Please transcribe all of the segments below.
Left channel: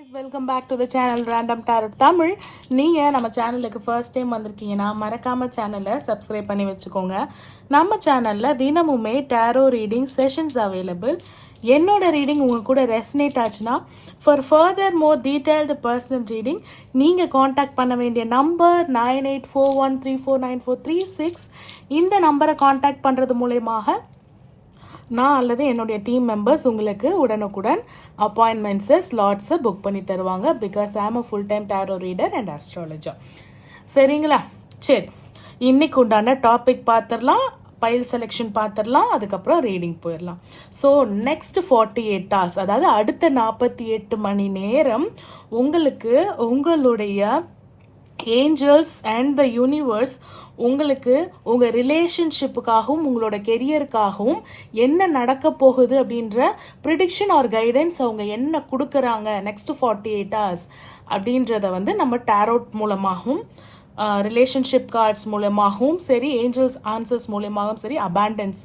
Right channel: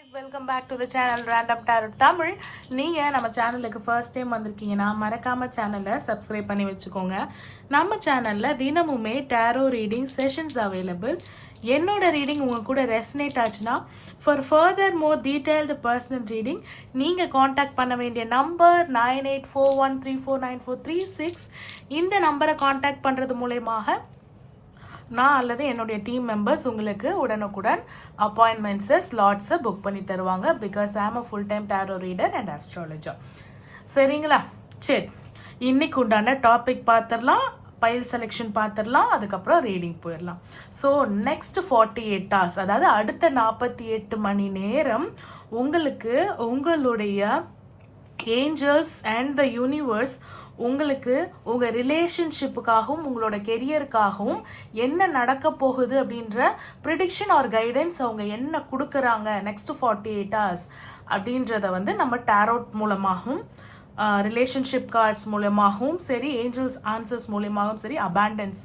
Welcome back to the channel random tarot Tamil. நீங்கள் நம்ம சேனலுக்கு ஃபர்ஸ்ட் டைம் வந்திருக்கீங்கன்னா மறக்காமல் சேனலை சப்ஸ்கிரைப் பண்ணி வச்சுக்கோங்க. நம்ம சேனலில் தினமுமே டேரோ ரீடிங் செஷன்ஸ் அவைலபிள். என்னோட ரீடிங் உங்கள் கூட ரெசனேட் ஆச்சுன்னா for further more detailed personal reading நீங்கள் காண்டாக்ட் பண்ண வேண்டிய நம்பர் 9841349436. இந்த நம்பரை காண்டாக்ட் பண்ணுறது மூலயமாக நான் அல்லது என்னுடைய டீம் மெம்பர்ஸ் உங்களுக்கு உடனுக்குடன் அப்பாயின்மெண்ட்ஸு ஸ்லாட்ஸை புக் பண்ணி தருவாங்க. Because I am a full time tarot reader and astrologer. சரிங்களா? சரி, இன்னைக்கு உண்டான டாபிக் பார்த்துடலாம், பைல் செலெக்ஷன் பார்த்துடலாம், அதுக்கப்புறம் ரீடிங் போயிடலாம். ஸோ நெக்ஸ்ட் 48 hours, அதாவது அடுத்த 48 மணி நேரம் உங்களுக்கு உங்களுடைய ஏஞ்சல்ஸ் அண்ட் த யூனிவர்ஸ் உங்களுக்கு உங்கள் ரிலேஷன்ஷிப்புக்காகவும் உங்களோட கெரியருக்காகவும் என்ன நடக்க போகுது அப்படின்ற ப்ரிடிக்ஷன் ஆர் கைடன்ஸ் அவங்க என்ன கொடுக்குறாங்க நெக்ஸ்ட் 48 hours அப்படின்றத வந்து நம்ம டேரோட் மூலமாகவும் ரிலேஷன்ஷிப் கார்ட்ஸ் மூலமாகவும் சரி, ஏஞ்சல்ஸ் ஆன்சர்ஸ் மூலமாகவும் சரி, அபாண்டன்ஸ்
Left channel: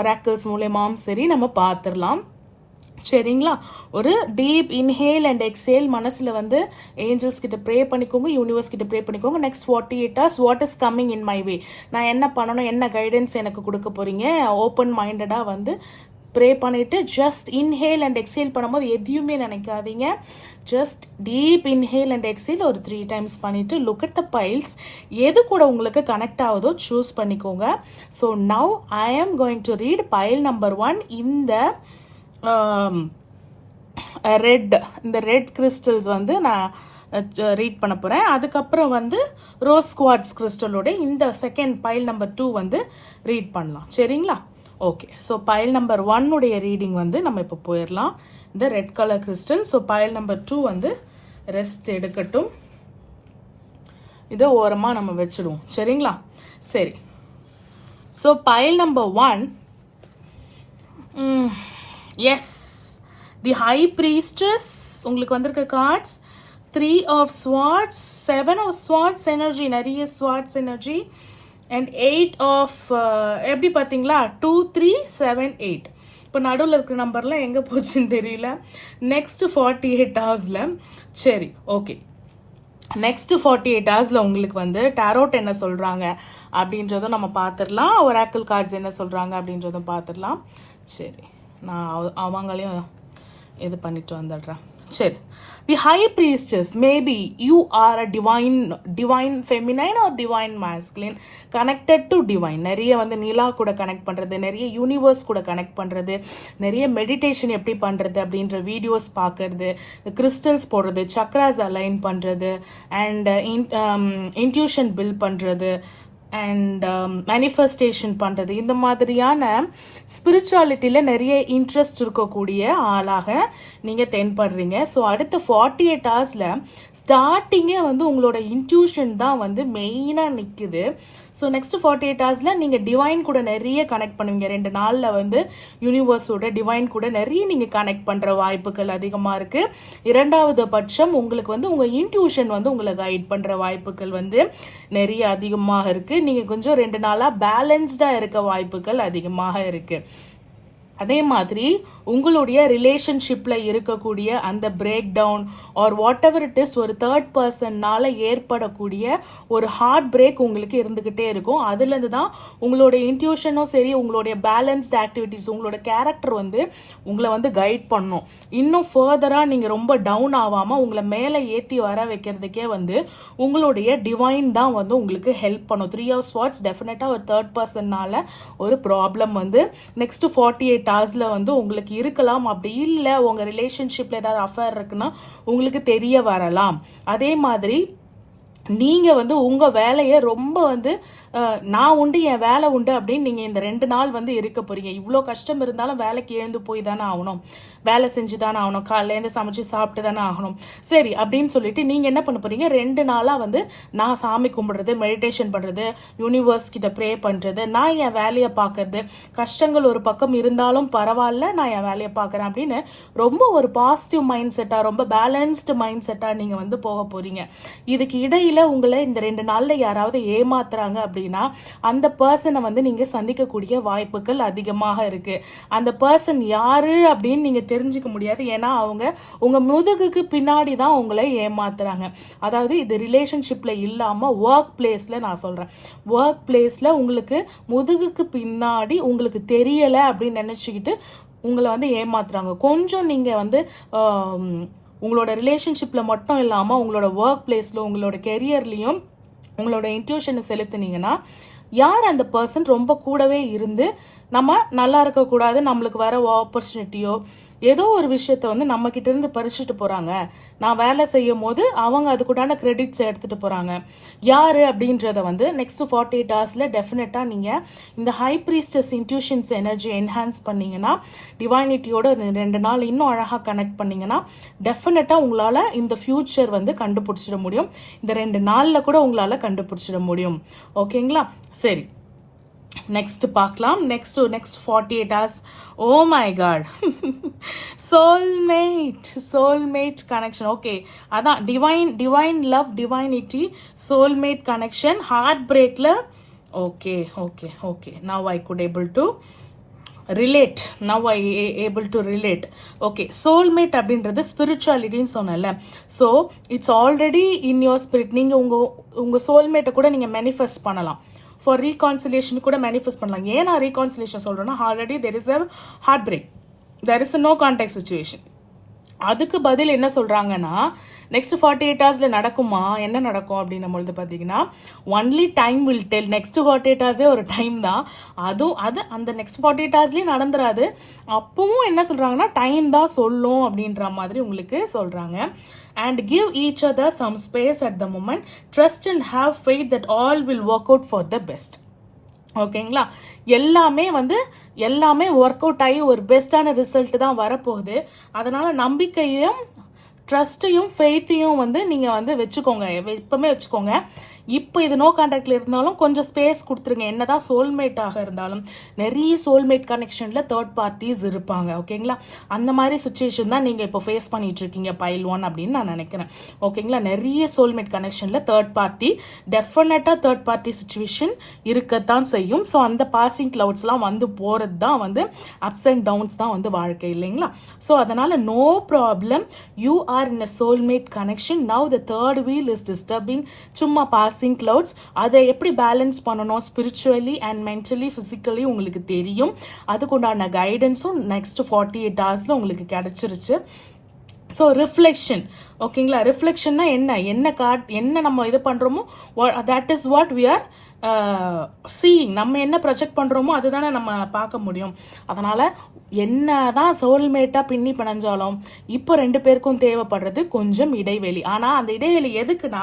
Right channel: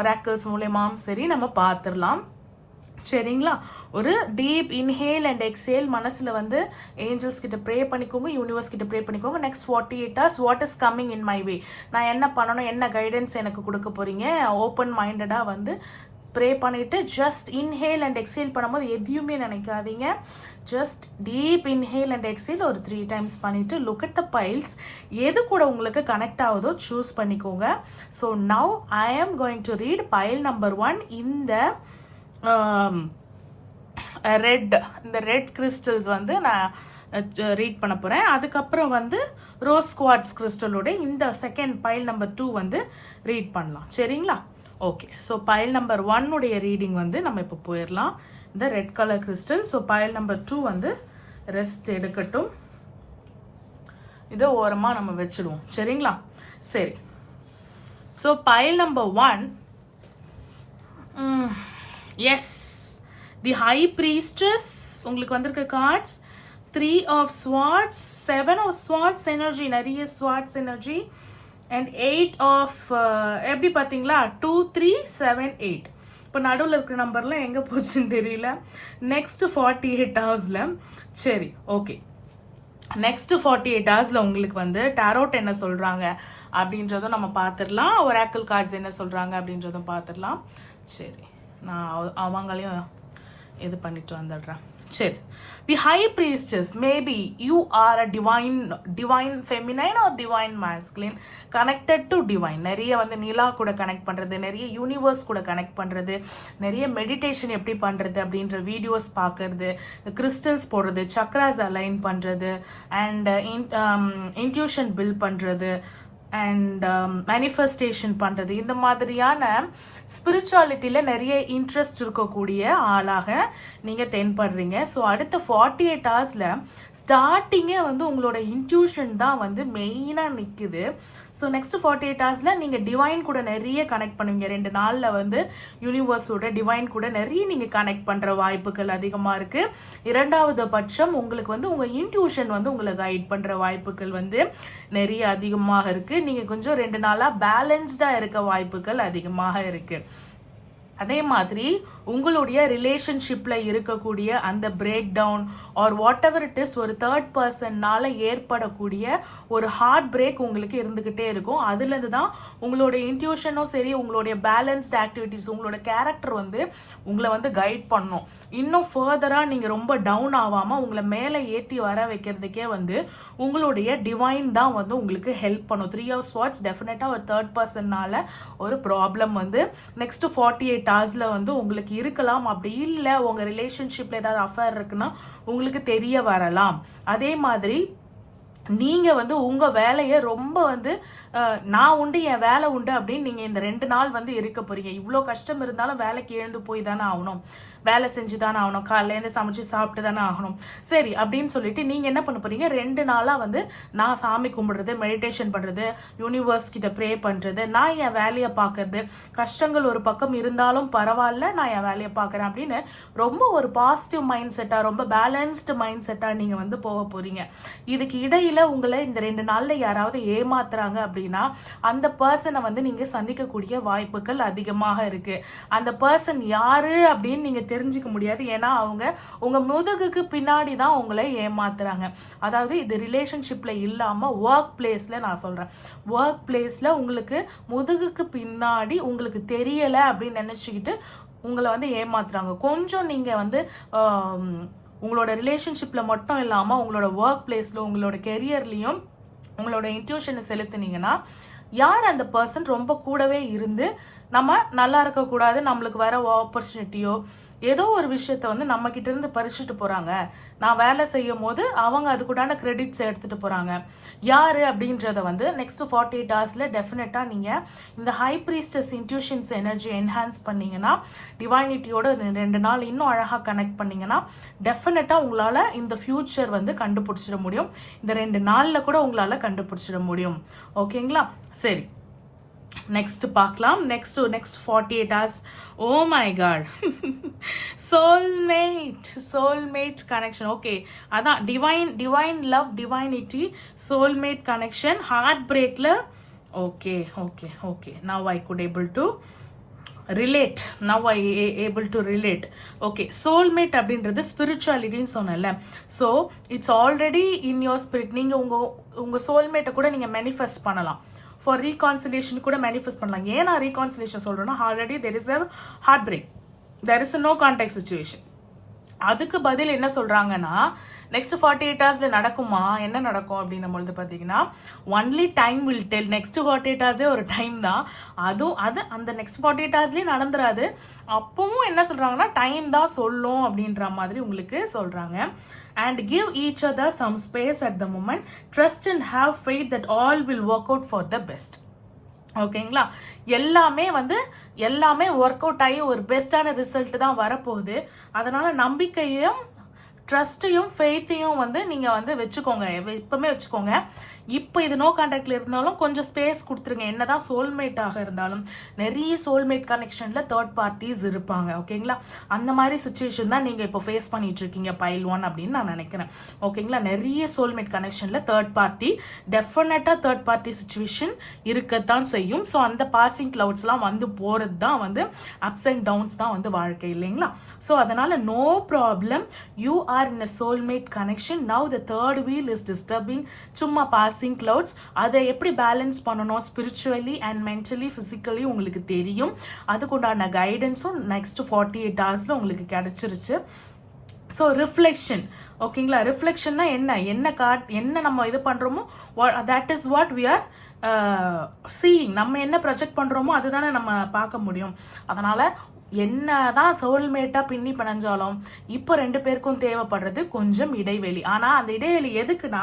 ஒராக்கிள்ஸ் மூலமாகவும் சரி நம்ம பார்த்துடலாம். சரிங்களா? ஒரு டீப் இன்ஹேல் அண்ட் எக்ஸேல் மனசில் வந்து ஏஞ்சல்ஸ் கிட்ட ப்ரே பண்ணிக்கோங்க, யூனிவர்ஸ் கிட்ட ப்ரே பண்ணிக்கோங்க. Next 48 hours what is coming in my way, நான் என்ன பண்ணணும், என்ன கைடன்ஸ் எனக்கு கொடுக்க போறீங்க, ஓப்பன் மைண்டடாக வந்து ப்ரே பண்ணிட்டு ஜஸ்ட் இன்ஹேல் அண்ட் எக்ஸேல் பண்ணும்போது எதையுமே நினைக்காதீங்க. Just deep inhale and exhale ஒரு 3 times பண்ணிட்டு லுக் அட் த பைல்ஸ், எது கூட உங்களுக்கு கனெக்ட் ஆகுதோ சூஸ் பண்ணிக்கோங்க. So now I am going to read file number 1. இந்த ரெட் கிறிஸ்டல்ஸ் வந்து நான் ரீட் பண்ண போகிறேன். அதுக்கப்புறம் வந்து ரோஸ் குவார்ட்ஸ் கிறிஸ்டலோட இந்த செகண்ட் பைல் நம்பர் 2 வந்து ரீட் பண்ணலாம். சரிங்களா? ஓகே, ஸோ பைல் நம்பர் 1 உடைய ரீடிங் வந்து நம்ம இப்போ போயிடலாம். இந்த red colour crystal. So pile number 2 வந்து ரெஸ்ட் எடுக்கட்டும், இதை ஓரமாக நம்ம வச்சிடுவோம். சரிங்களா? சரி, so pile number 1, yes, the high priestess உங்களுக்கு வந்திருக்க cards 3 of swords, 7 of swords energy, நிறைய swords எனர்ஜி, அண்ட் 8 of எப்படி பார்த்தீங்களா 2 3 7 8. இப்போ நடுவில் இருக்கிற நம்பர்லாம் எங்கே போச்சுன்னு தெரியல. நெக்ஸ்ட் 48 ஹவர்ஸில் சரி, ஓகே, நெக்ஸ்ட் 48 ஹவர்ஸில் உங்களுக்கு வந்து டேரோட் என்ன சொல்கிறாங்க அப்படின்றதும் நம்ம பார்த்துடலாம், ஒராக்கிள் கார்ட்ஸ் என்ன சொல்கிறாங்க அப்படின்றதும் பார்த்துடலாம். சரி, நான் அவங்களையும் இது பண்ணிட்டு வந்துடுறேன். சரி, the high priestess, maybe you are a divine feminine or divine masculine connected to divine. நிறைய வந்து நிலா கூட கனெக்ட் பண்ணுறது, நிறைய யூனிவர்ஸ் கூட கனெக்ட் பண்ணுறது, நிறைய மெடிடேஷன் எப்படி பண்ணுறது அப்படின்ற வீடியோஸ் பார்க்கறது, கிறிஸ்டல்ஸ் போடுறது, சக்ராஸ் அலைன் பண்ணுறது, அண்ட் இன்ட்யூஷன் பில்ட் பண்ணுறது, அண்ட் மேனிஃபெஸ்டேஷன் பண்ணுறது, இந்த மாதிரியான ஸ்பிரிச்சுவாலிட்டியில் நிறைய இன்ட்ரெஸ்ட் இருக்கக்கூடிய ஆளாக நீங்கள் தென்படுறீங்க. ஸோ அடுத்த 48 ஹவர்ஸில் ஸ்டார்டிங்கே வந்து உங்களோட இன்ட்யூஷன் தான் வந்து மெயினாக நிற்குது. ஸோ நெக்ஸ்ட் 48 ஹவர்ஸில் நீங்கள் டிவைன் கூட நிறைய கனெக்ட் பண்ணுவீங்க. 2 நாளில் வந்து யூனிவர்ஸோட டிவைன் கூட நிறைய நீங்கள் கனெக்ட் பண்ணுற வாய்ப்புகள் அதிகமாக இருக்குது. இரண்டாவது பட்சம் உங்களுக்கு வந்து உங்கள் இன்ட்யூஷன் வந்து உங்களை கைட் பண்ணுற வாய்ப்புகள் வந்து நிறைய அதிகமாக இருக்குது. நீங்கள் கொஞ்சம் 2 நாளாக பேலன்ஸ்டாக இருக்க வாய்ப்புகள் அதிகமாக இருக்குது. அதே மாதிரி உங்களுடைய ரிலேஷன்ஷிப்பில் இருக்கக்கூடிய அந்த break down or whatever it is, ஒரு தேர்ட் பர்சன்னால ஏற்படக்கூடிய ஒரு ஹார்ட் பிரேக் உங்களுக்கு இருந்துக்கிட்டே இருக்கும். அதுலேருந்து தான் உங்களோட இன்ட்யூஷனும் சரி, உங்களுடைய பேலன்ஸ்ட் ஆக்டிவிட்டிஸ், உங்களோட கேரக்டர் வந்து உங்களை வந்து கைட் பண்ணும். இன்னும் ஃபர்தராக நீங்கள் ரொம்ப டவுன் ஆகாமல் உங்களை மேலே ஏற்றி வர வைக்கிறதுக்கே வந்து உங்களுடைய டிவைன் தான் வந்து உங்களுக்கு ஹெல்ப் பண்ணும். 3 of swords டெஃபினட்டாக ஒரு தேர்ட் பர்சன்னால ஒரு ப்ராப்ளம் வந்து நெக்ஸ்ட் 48 ஹவர்ஸில் வந்து உங்களுக்கு இருக்கலாம். அப்படி இல்லை உங்கள் ரிலேஷன்ஷிப்பில் ஏதாவது அஃபேர் இருக்குன்னா உங்களுக்கு தெரிய வரலாம். அதே மாதிரி நீங்கள் வந்து உங்கள் வேலையை ரொம்ப வந்து நான் உண்டு என் வேலை உண்டு அப்படின்னு நீங்கள் இந்த 2 நாள் வந்து இருக்க போறீங்க. இவ்வளோ கஷ்டம் இருந்தாலும் வேலைக்கு எழுந்து போய் தானே ஆகணும், வேலை செஞ்சு தானே ஆகணும், காலையிலேருந்து சமைச்சு சாப்பிட்டு தானே ஆகணும். சரி அப்படின்னு சொல்லிட்டு நீங்கள் என்ன பண்ண போறீங்க, 2 நாளாக வந்து நான் சாமி கும்பிடுறது, மெடிடேஷன் பண்ணுறது, யூனிவர்ஸ் கிட்ட ப்ரே பண்ணுறது, நான் என் வேலையை பார்க்கறது, கஷ்டங்கள் ஒரு பக்கம் இருந்தாலும் பரவாயில்ல நான் என் வேலையை பார்க்குறேன் அப்படின்னு ரொம்ப ஒரு பாசிட்டிவ் மைண்ட் செட்டாக, ரொம்ப பேலன்ஸ்டு மைண்ட் செட்டாக நீங்கள் வந்து போக போறீங்க. இதுக்கு இடையில ஒருவேளை உங்களை இந்த 2 நாள்ல யாராவது ஏமாத்துறாங்க அப்படின்னா அந்த பர்சனை வந்து நீங்க சந்திக்கக்கூடிய வாய்ப்புகள் அதிகமாக இருக்கு. அந்த பர்சன் யாரு அப்படின்னு நீங்க தெரிஞ்சுக்க முடியாது. ஏன்னா அவங்க உங்க முதுகுக்கு பின்னாடி தான் உங்களை ஏமாத்துறாங்க. அதாவது இது ரிலேஷன்ஷிப்ல இல்லாம ஒர்க் பிளேஸ்ல நான் சொல்றேன். ஒர்க் பிளேஸ்ல உங்களுக்கு முதுகுக்கு பின்னாடி உங்களுக்கு தெரியல அப்படின்னு நினைச்சுக்கிட்டு உங்களை வந்து ஏமாத்துறாங்க. கொஞ்சம் நீங்க வந்து உங்களோட ரிலேஷன்ஷிப்ல மட்டும் இல்லாம உங்களோட ஒர்க் பிளேஸ்ல உங்களோட கெரியர்லயும் உங்களோட இன்ட்யூஷனை செலுத்துனீங்கன்னா யார் அந்த பர்சன் ரொம்ப கூடவே இருந்து நம்ம நல்லா இருக்க கூடாது, நம்மளுக்கு வர ஆப்பர்ச்சுனிட்டியோ ஏதோ ஒரு விஷயத்த வந்து நம்ம கிட்ட இருந்து பறிச்சுட்டு போறாங்க, நான் வேலை செய்யும் போது அவங்க அதுக்குண்டான கிரெடிட்ஸ் எடுத்துட்டு போறாங்க யாரு அப்படின்றத வந்து நெக்ஸ்ட் 48 ஹவர்ஸ்ல டெஃபினட்டா நீங்க இந்த ஹை பிரீஸ்டஸ் இன்ட்யூஷன்ஸ் எனர்ஜி என்ஹான்ஸ் பண்ணீங்கன்னா, டிவைனிட்டியோட 2 நாள் இன்னும் அழகா கனெக்ட் பண்ணீங்கன்னா டெஃபினட்டா உங்களால இந்த ஃபியூச்சர் வந்து கண்டுபிடிச்சிட முடியும். இந்த 2 நாள்ல கூட உங்களால கண்டுபிடிச்சிட முடியும். ஓகேங்களா? சரி, நெக்ஸ்ட் பார்க்கலாம். Next 48 hours. Oh my God, soulmate connection. Okay, அதான் divine love, divinity, soulmate connection, heart பிரேக்ல. Okay okay okay, now I could able to relate. Now I able to relate. Okay, soulmate அப்படின்றது ஸ்பிரிச்சுவாலிட்டின்னு சொன்னல. So it's already in your spirit. நீங்கள் உங்கள் சோல்மேட்டை கூட நீங்கள் manifest பண்ணலாம். ஃபார் ரீகான்சிலேஷன் கூட மேனிஃபெஸ்ட் பண்ணலாம். ஏன் நான் ரீகான்சிலேஷன் சொல்கிறேன்னா, already there is a heartbreak, there is a no contact situation. அதுக்கு பதில் என்ன சொல்கிறாங்கன்னா, நெக்ஸ்ட் 48 ஹவர்ஸ்ல நடக்குமா, என்ன நடக்கும் அப்படின்னும் பொழுது பார்த்தீங்கன்னா, only time will del. Next 48 ஹவர்ஸே ஒரு டைம் தான். அது அந்த நெக்ஸ்ட் 48 ஹவர்ஸ்லேயும் நடந்துராது. அப்பவும் என்ன சொல்றாங்கன்னா, டைம் தான் சொல்லும் அப்படின்ற மாதிரி உங்களுக்கு சொல்றாங்க. And give each other some space at the moment, trust and have faith that all will work out for the best. ஓகேங்களா? எல்லாமே ஒர்க் அவுட் ஆகி ஒரு பெஸ்டான ரிசல்ட் தான் வரப்போகுது. அதனால நம்பிக்கையும் ட்ரஸ்ட்டையும் ஃபெய்த்தையும் வந்து நீங்கள் வந்து வச்சுக்கோங்க, எப்பவுமே வச்சுக்கோங்க. இப்போ இது நோ கான்டாக்ட்ல இருந்தாலும் கொஞ்சம் ஸ்பேஸ் கொடுத்துருங்க. என்னதான் சோல்மேட்டாக இருந்தாலும் நிறைய சோல்மேட் கனெக்ஷன்ல தேர்ட் பார்ட்டிஸ் இருப்பாங்க. ஓகேங்களா? அந்த மாதிரி சுச்சுவேஷன் தான் நீங்கள் இப்போ ஃபேஸ் பண்ணிட்டு இருக்கீங்க பைல் 1 அப்படின்னு நான் நினைக்கிறேன். ஓகேங்களா? நிறைய சோல்மேட் கனெக்ஷன்ல தேர்ட் பார்ட்டி, டெஃபினட்டா தேர்ட் பார்ட்டி சுச்சுவேஷன் இருக்கத்தான் செய்யும். ஸோ அந்த பாசிங் கிளவுட்ஸ்லாம் வந்து போகிறது தான் வந்து அப்ஸ் அண்ட் டவுன்ஸ் தான் வந்து வாழ்க்கை, இல்லைங்களா? ஸோ அதனால no problem, you are in a soulmate connection. Now the third wheel is disturbing. சும்மா பாசிங் கிளவுட்ஸ், அதை எப்படி பேலன்ஸ் பண்ணணும் ஸ்பிரிச்சுவலி அண்ட் மென்டலி ஃபிசிக்கலி உங்களுக்கு தெரியும். அதுக்குண்டான கைடன்ஸும் நெக்ஸ்ட் 48 ஹவர்ஸ்ல உங்களுக்கு கிடைச்சிருச்சு. So reflection. ஓகேங்களா? ரிஃப்ளெக்ஷன்னா என்ன நம்ம இது பண்றோமோ that is what we are seeing. நம்ம என்ன ப்ரொஜெக்ட் பண்றோமோ அதுதானே நம்ம பார்க்க முடியும். அதனால என்னதான் சோல்மேட்டா பின்னி பிணைஞ்சாலும் இப்போ 2 பேருக்கும் தேவைப்படுறது கொஞ்சம் இடைவெளி. ஆனா அந்த இடைவெளி எதுக்குன்னா,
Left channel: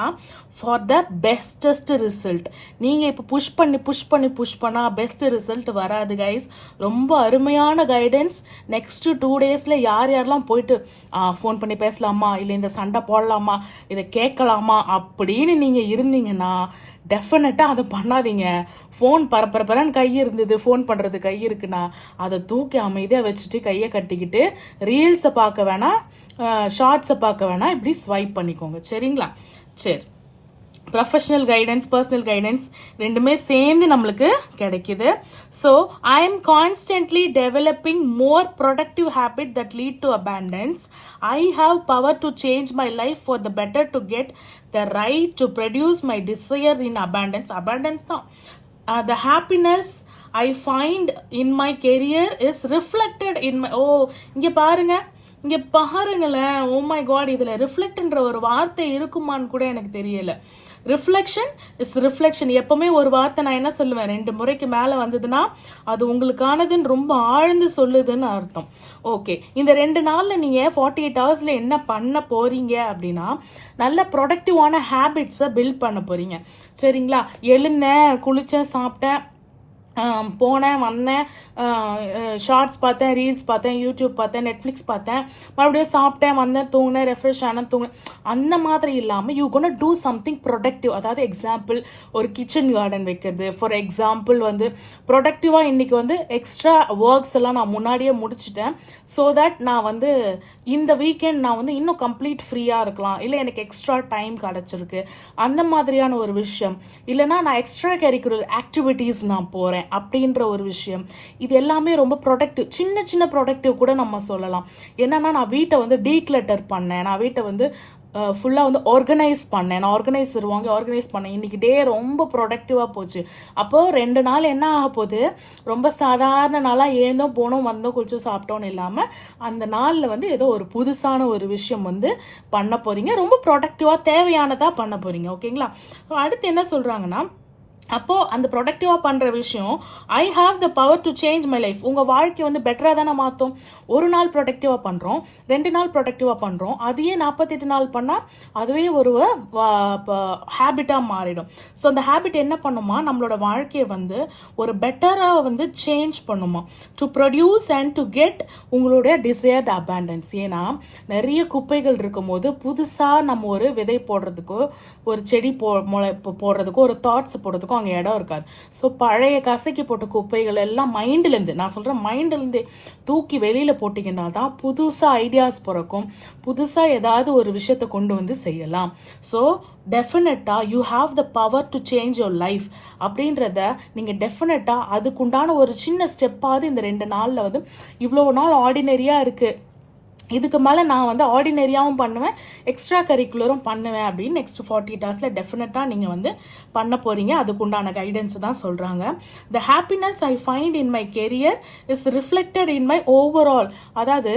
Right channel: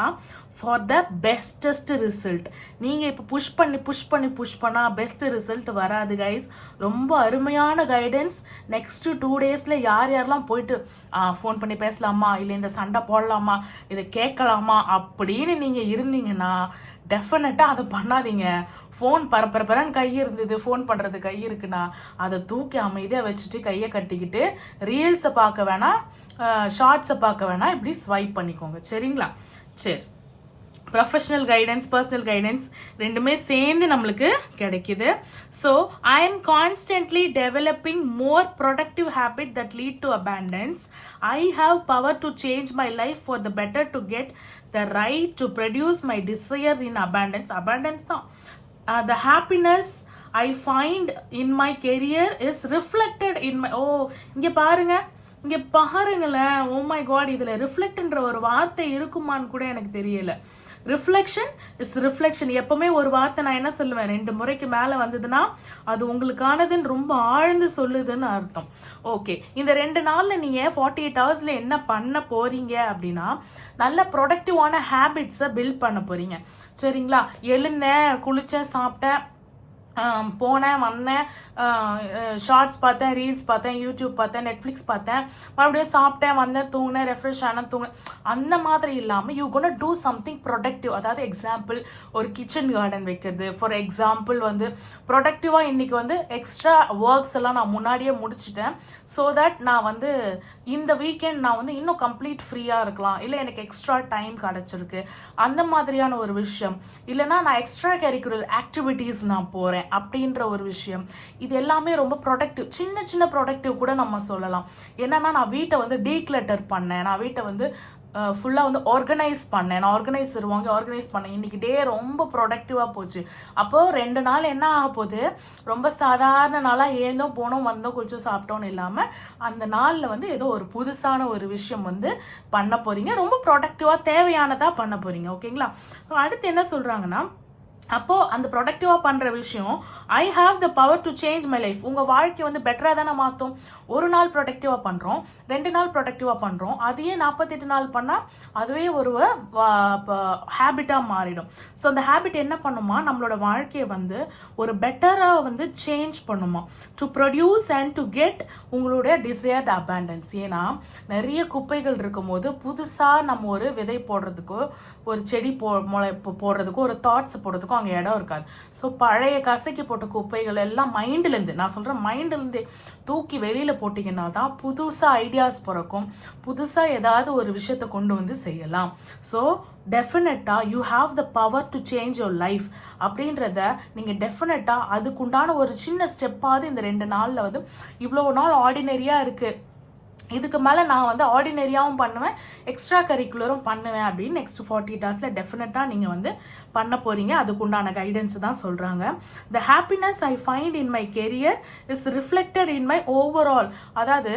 ஃபார் த பெஸ்டஸ்ட் ரிசல்ட். நீங்க இப்போ புஷ் பண்ணா பெஸ்ட் ரிசல்ட் வராது கைஸ். ரொம்ப அருமையான கைடன்ஸ். நெக்ஸ்ட் 2 டேஸ்ல யாரெல்லாம் போயிட்டு ஃபோன் பண்ணி பேசலாமா, இல்லை இந்த சண்டை போடலாமா, இதை கேட்கலாமா அப்படின்னு நீங்க இருந்தீங்கன்னா டெஃபினட்டா அதை பண்ணாதீங்க. ஃபோன் பரபரன்னு கை இருந்தது, ஃபோன் பண்றது கை இருக்குன்னா அதை தூக்கி அமைதியா வச்சுட்டு கையை கட்டிக்கிட்டு ரீல்ஸை பார்க்க வேணாம், ஷார்ட்ஸை பார்க்க வேணாம், இப்படி ஸ்வைப் பண்ணிக்கோங்க. சரிங்களா? சரி, ப்ரொஃபஷனல் கைடன்ஸ், பர்சனல் கைடன்ஸ் ரெண்டுமே சேர்ந்து நம்மளுக்கு கிடைக்குது. So I am constantly developing more productive habit that lead to abundance. I have power to change my life for the better to get the right to produce my desire in abundance. Abundance தான். The happiness I find in my career is reflected in my... இங்க பாருங்களேன். ஓ my God, இதுல ரிஃப்ளெக்ட்ன்ற ஒரு வார்த்தை இருக்குமான்னு கூட எனக்கு தெரியல. Reflection is reflection. எப்பவுமே ஒரு வார்த்தை நான் என்ன சொல்லுவேன், 2 முறைக்கு மேல வந்ததுன்னா அது உங்களுக்கானதுன்னு ரொம்ப ஆழ்ந்து சொல்லுதுன்னு அர்த்தம். ஓகே, இந்த 2 நாள்ல நீங்க 48 ஹவர்ஸ்ல என்ன பண்ண போறீங்க அப்படின்னா, நல்ல ப்ரொடக்டிவான ஹேபிட்ஸை பில்ட் பண்ண போறீங்க. சரிங்களா? எழுந்தேன், குளிச்சேன், சாப்பிட்டேன், போனேன் வந்தேன், ஷார்ட்ஸ் பார்த்தேன், ரீல்ஸ் பார்த்தேன், யூடியூப் பார்த்தேன், நெட்ஃப்ளிக்ஸ் பார்த்தேன், மறுபடியும் சாப்பிட்டேன், வந்தேன், தூங்கினேன், ரெஃப்ரெஷ் ஆனேன், தூங்கினேன். அந்த மாதிரி இல்லாமல் you gonna do something productive. அதாவது எக்ஸாம்பிள் ஒரு கிச்சன் கார்டன் வைக்கிறது. ஃபார் எக்ஸாம்பிள் வந்து ப்ரொடக்டிவாக இன்னைக்கு வந்து எக்ஸ்ட்ரா ஒர்க்ஸ் எல்லாம் நான் முன்னாடியே முடிச்சிட்டேன். ஸோ தட் நான் வந்து இந்த வீக்கெண்ட் நான் வந்து இன்னும் கம்ப்ளீட் ஃப்ரீயாக இருக்கலாம், இல்லை எனக்கு எக்ஸ்ட்ரா டைம் கிடச்சிருக்கு, அந்த மாதிரியான ஒரு விஷயம். இல்லைனா நான் எக்ஸ்ட்ரா கரிக்குலர் ஆக்டிவிட்டீஸ் நான் போகிறேன் அப்படின்ற ஒரு விஷயம். இது எல்லாமே ரொம்ப ப்ரொடக்டிவ். சின்ன சின்ன ப்ரொடக்டிவ் கூட நம்ம சொல்லலாம். என்னன்னா நான் வீட்டை வந்து டீக்ளட்டர் பண்ணேன், நான் வீட்டை வந்து ஃபுல்லாக வந்து ஆர்கனைஸ் பண்ணேன், நான் ஆர்கனைஸ் பண்ணேன். இன்னைக்கு டே ரொம்ப ப்ரொடக்டிவாக போச்சு. அப்போ 2 நாள் என்ன ஆக போகுது, ரொம்ப சாதாரண நாளாக எழுந்தோம் போனோம் வந்தோம் குளிச்சு சாப்பிட்டோன்னு இல்லாமல் அந்த நாளில் வந்து ஏதோ ஒரு புதுசான ஒரு விஷயம் வந்து பண்ண போறீங்க. ரொம்ப ப்ரொடக்டிவாக தேவையானதாக பண்ண போறீங்க. ஓகேங்களா? அடுத்து என்ன சொல்றாங்கன்னா, அப்போ அந்த ப்ரொடக்டிவா பண்ற விஷயம், I have the power to change my life. உங்க வாழ்க்கை வந்து பெட்டரா தானே மாத்தும். ஒரு நாள் ப்ரொடக்டிவா பண்றோம், 2 நாள் ப்ரொடக்டிவா பண்றோம், அதையே 48 நாள் பண்ணா அதுவே ஒரு ஹேபிட்டா மாறிடும். ஸோ அந்த ஹேபிட் என்ன பண்ணுமா, நம்மளோட வாழ்க்கையை வந்து ஒரு பெட்டரா வந்து சேஞ்ச் பண்ணுமா, to produce and to get உங்களுடைய டிசையர்ட் அபண்டன்ஸ். ஏன்னா நிறைய குப்பைகள் இருக்கும் போது புதுசா நம்ம ஒரு விதை போடுறதுக்கோ ஒரு செடி போடுறதுக்கோ ஒரு தாட்ஸ் போடுறதுக்கோ அங்கே இடம் இருக்காது. ஸோ பழைய கசைக்கு போட்ட குப்பைகள் எல்லாம் மைண்ட்லேருந்து, நான் சொல்கிறேன் மைண்ட்லேருந்து தூக்கி வெளியில் போட்டிங்கன்னா தான் புதுசாக ஐடியாஸ் பிறக்கும், புதுசாக ஏதாவது ஒரு விஷயத்தை கொண்டு வந்து செய்யலாம். ஸோ டெஃபினட்டாக you have the power to change your life அப்படின்றத நீங்கள் டெஃபினட்டாக அதுக்குண்டான ஒரு சின்ன ஸ்டெப்பாவது இந்த 2 நாளில் வந்து, இவ்வளோ நாள் ஆர்டினரியாக இருக்குது, இதுக்கு மேலே நான் வந்து ஆர்டினரியாகவும் பண்ணுவேன், எக்ஸ்ட்ரா கரிக்குலரும் பண்ணுவேன் அப்படின்னு நெக்ஸ்ட் 48 ஹவர்ஸில் டெஃபினட்டாக நீங்கள் வந்து பண்ண போகிறீங்க. அதுக்குண்டான கைடன்ஸ் தான் சொல்கிறாங்க. The happiness I find in my career is reflected in my overall. அதாவது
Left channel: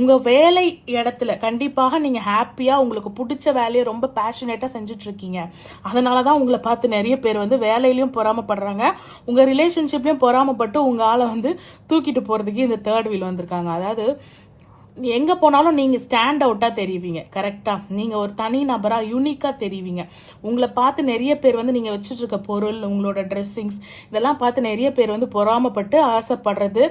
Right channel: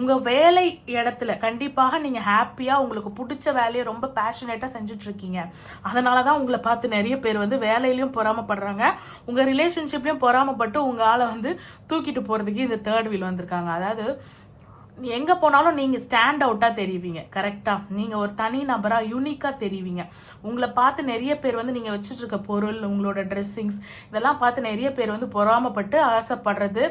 உங்கள் வேலை இடத்துல கண்டிப்பாக நீங்கள் ஹாப்பியாக உங்களுக்கு பிடிச்ச வேலையை ரொம்ப பேஷனேட்டாக செஞ்சுட்ருக்கீங்க. அதனால தான் உங்களை பார்த்து நிறைய பேர் வந்து வேலையிலையும் பொறாமப்படுறாங்க, உங்கள் ரிலேஷன்ஷிப்லையும் பொறாமப்பட்டு உங்கள் ஆளை வந்து தூக்கிட்டு போகிறதுக்கு இந்த 3rd வீல் வந்திருக்காங்க. அதாவது எங்கே போனாலும் நீங்கள் ஸ்டாண்ட் அவுட்டாக தெரிவிங்க. கரெக்டாக நீங்கள் ஒரு தனி நபராக யூனிக்காக தெரிவிங்க. உங்களை பார்த்து நிறைய பேர் வந்து நீங்கள் வச்சுட்டு இருக்க பொருள், உங்களோட ட்ரெஸ்ஸிங்ஸ் இதெல்லாம் பார்த்து நிறைய பேர் வந்து பொறாமப்பட்டு ஆசைப்படுறது,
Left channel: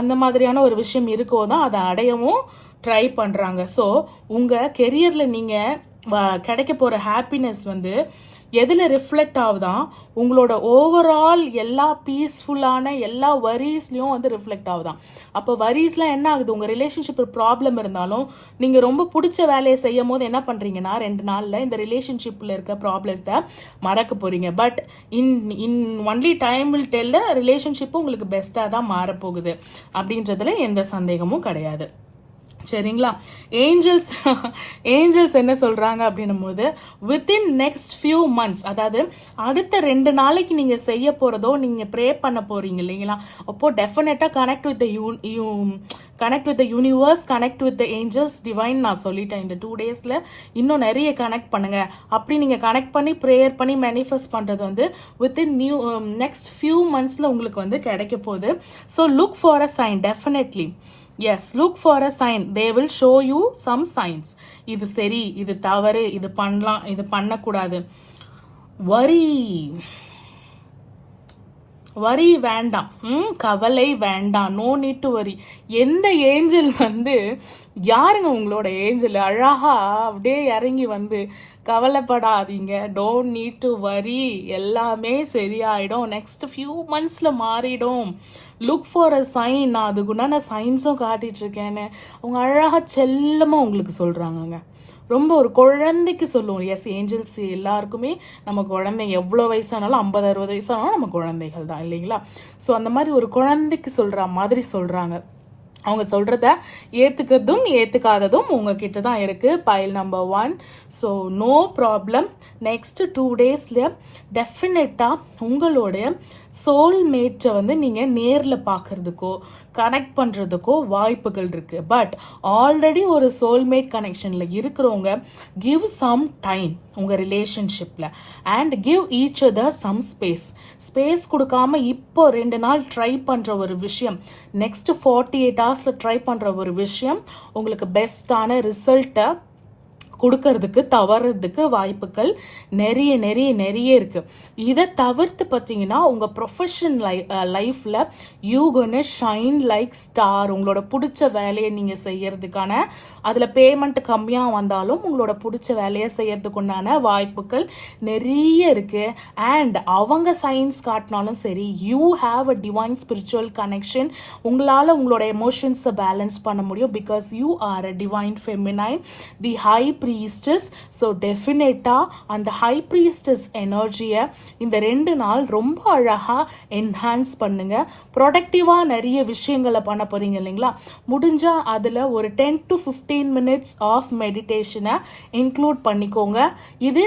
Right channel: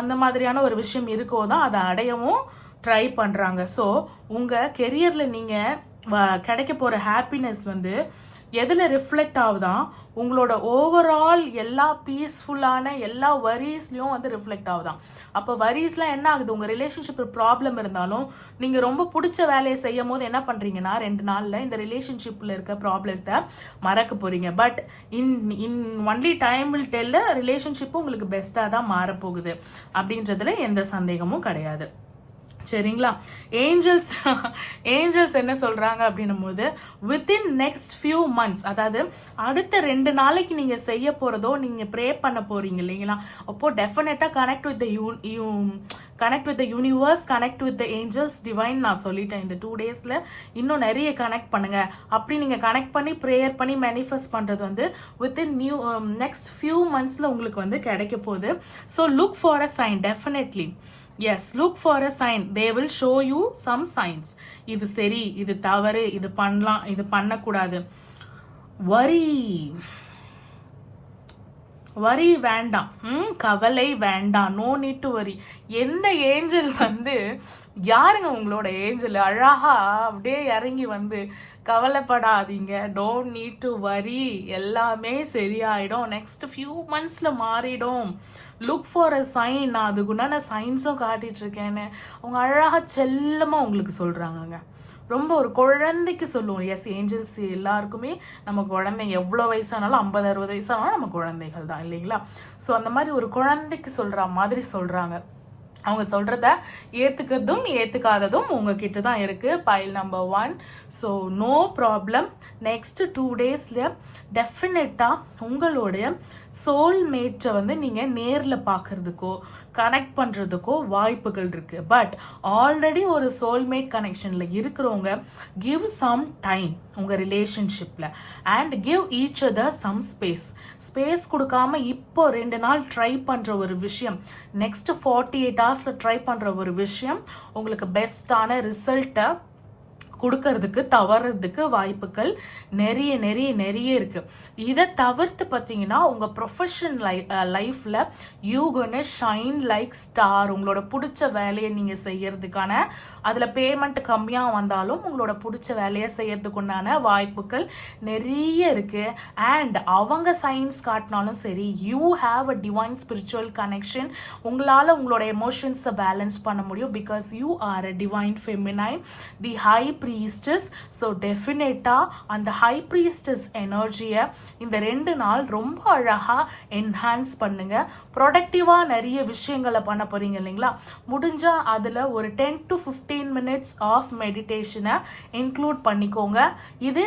அந்த மாதிரியான ஒரு விஷயம் இருக்கோ தான் அதை அடையவும் ட்ரை பண்ணுறாங்க. ஸோ உங்கள் கெரியரில் நீங்கள் கிடைக்க போகிற ஹாப்பினஸ் வந்து எதில் ரிஃப்ளெக்ட் ஆகுதான், உங்களோட ஓவரால் எல்லா பீஸ்ஃபுல்லான எல்லா வரிஸ்லையும் வந்து ரிஃப்ளெக்ட் ஆகுதான். அப்போ வரிஸ்லாம் என்ன ஆகுது, உங்கள் ரிலேஷன்ஷிப் ப்ராப்ளம் இருந்தாலும் நீங்கள் ரொம்ப பிடிச்ச வேலையை செய்யும் போது என்ன பண்ணுறீங்கன்னா 2 நாளில் இந்த ரிலேஷன்ஷிப்பில் இருக்க ப்ராப்ளம்ஸை மறக்க போகிறீங்க. But in only time will tell, ரிலேஷன்ஷிப்பும் உங்களுக்கு பெஸ்ட்டாக தான் மாறப்போகுது அப்படின்றதுல எந்த சந்தேகமும் கிடையாது. சரிங்களா? ஏஞ்சல்ஸ் என்ன சொல்றாங்க அப்படின்னும் போது, வித்தின் நெக்ஸ்ட் ஃபியூ மந்த்ஸ், அதாவது அடுத்த 2 நாளைக்கு நீங்க செய்ய போறதோ நீங்க ப்ரே பண்ண போறீங்க இல்லைங்களா, அப்போ டெஃபினட்டா connect with the universe, connect with the Angeles, divine நான் சொல்லிட்டேன். இந்த 2 டேஸ்ல இன்னும் நிறைய கனெக்ட் பண்ணுங்க. அப்படி நீங்க கனெக்ட் பண்ணி ப்ரேயர் பண்ணி மேனிஃபெஸ்ட் பண்றது வந்து வித்தின் நெக்ஸ்ட் ஃபியூ மந்த்ஸ்ல உங்களுக்கு வந்து கிடைக்க போகுது. So look for a sign. Definitely yes, look for a sign. They will show you some signs. இது சரி, இது தவறு, இது பண்ணலாம், இது பண்ணக்கூடாது. வரி வேண்டாம், கவலை வேண்டாம், நோ நீட் டு வரி. எந்த ஏஞ்சல் வந்து யாருங்க உங்களோட ஏஞ்சல் அழகா அப்படியே இறங்கி வந்து, கவலைப்படாதீங்க, டோன்ட் நீட் டு வரி, எல்லாமே சரியாயிடும், நெக்ஸ்ட் ஃபியூ மந்த்ஸ்ல மாறிடும், லுக் ஃபார் அ சைன். நான் அதுக்குண்டான சைன்ஸும் காட்டிட்டு இருக்கேன்னு அவங்க அழகா செல்லமா உங்களுக்கு சொல்றாங்க. ரொம்ப ஒரு குழந்தைக்கு சொல்லுவோம். எஸ், ஏஞ்சல்ஸ் எல்லாருக்குமே நம்ம குழந்தை, எவ்வளோ வயசானாலும் 50-60 வயசானாலும் நம்ம குழந்தைகள் தான் இல்லைங்களா? ஸோ அந்த மாதிரி ஒரு குழந்தைக்கு சொல்ற மாதிரி சொல்றாங்க. அவங்க சொல்றத ஏத்துக்கிறதும் ஏத்துக்காததும் உங்ககிட்ட தான் இருக்கு. Pile number 1. So no problem. Next 2 டேஸ்ல டெஃபினட்டா உங்களுடைய சோல்மேட்டை வந்து நீங்க நேர்ல பாக்குறதுக்கோ கனெக்ட் பண்றதுக்கோ வாய்ப்புகள் இருக்கு. பட் ஆல்ரெடி ஒரு சோல்மேட் கனெக்ஷன்ல இருக்கிறவங்க கிவ் சம் டைம் உங்க ரிலேஷன்ஷிப்ல and give each other some space கொடுக்காம இப்போ 2 நாள் ட்ரை பண்ற ஒரு விஷயம், நெக்ஸ்ட் 48 ஹவர்ஸ்ல ட்ரை பண்ற ஒரு விஷயம் உங்களுக்கு பெஸ்டான ரிசல்ட்டை கொடுக்கறதுக்கு தவறதுக்கு வாய்ப்புகள் நிறைய நிறைய நிறைய இருக்கு. இதை தவிர்த்து பார்த்தீங்கன்னா உங்க ப்ரொஃபஷன் லைஃப்ல you gonna shine like star. உங்களோட பிடிச்ச வேலையை நீங்க செய்யறதுக்கான, அதுல பேமெண்ட் கம்மியா வந்தாலும் உங்களோட பிடிச்ச வேலையை செய்யறதுக்குண்டான வாய்ப்புகள் நிறைய இருக்கு. அண்ட் அவங்க சயின்ஸ் காட்டினாலும் சரி, you have a divine spiritual connection. உங்களால உங்களோட எமோஷன்ஸை பேலன்ஸ் பண்ண முடியும். Because you are a divine feminine, the high priestess. So டெஃபினட்டா அந்த ஹை ப்ரீஸ்டஸ் எனர்ஜியை இந்த 2 நாள் ரொம்ப அழகா என்ஹான்ஸ் பண்ணுங்க. ப்ரொடக்டிவா நிறைய விஷயங்களை பண்ண போறீங்க இல்லைங்களா? முடிஞ்சா அதுல ஒரு 10 to 15 minutes ஆஃப் மெடிடேஷனை இன்க்ளூட் பண்ணிக்கோங்க. இது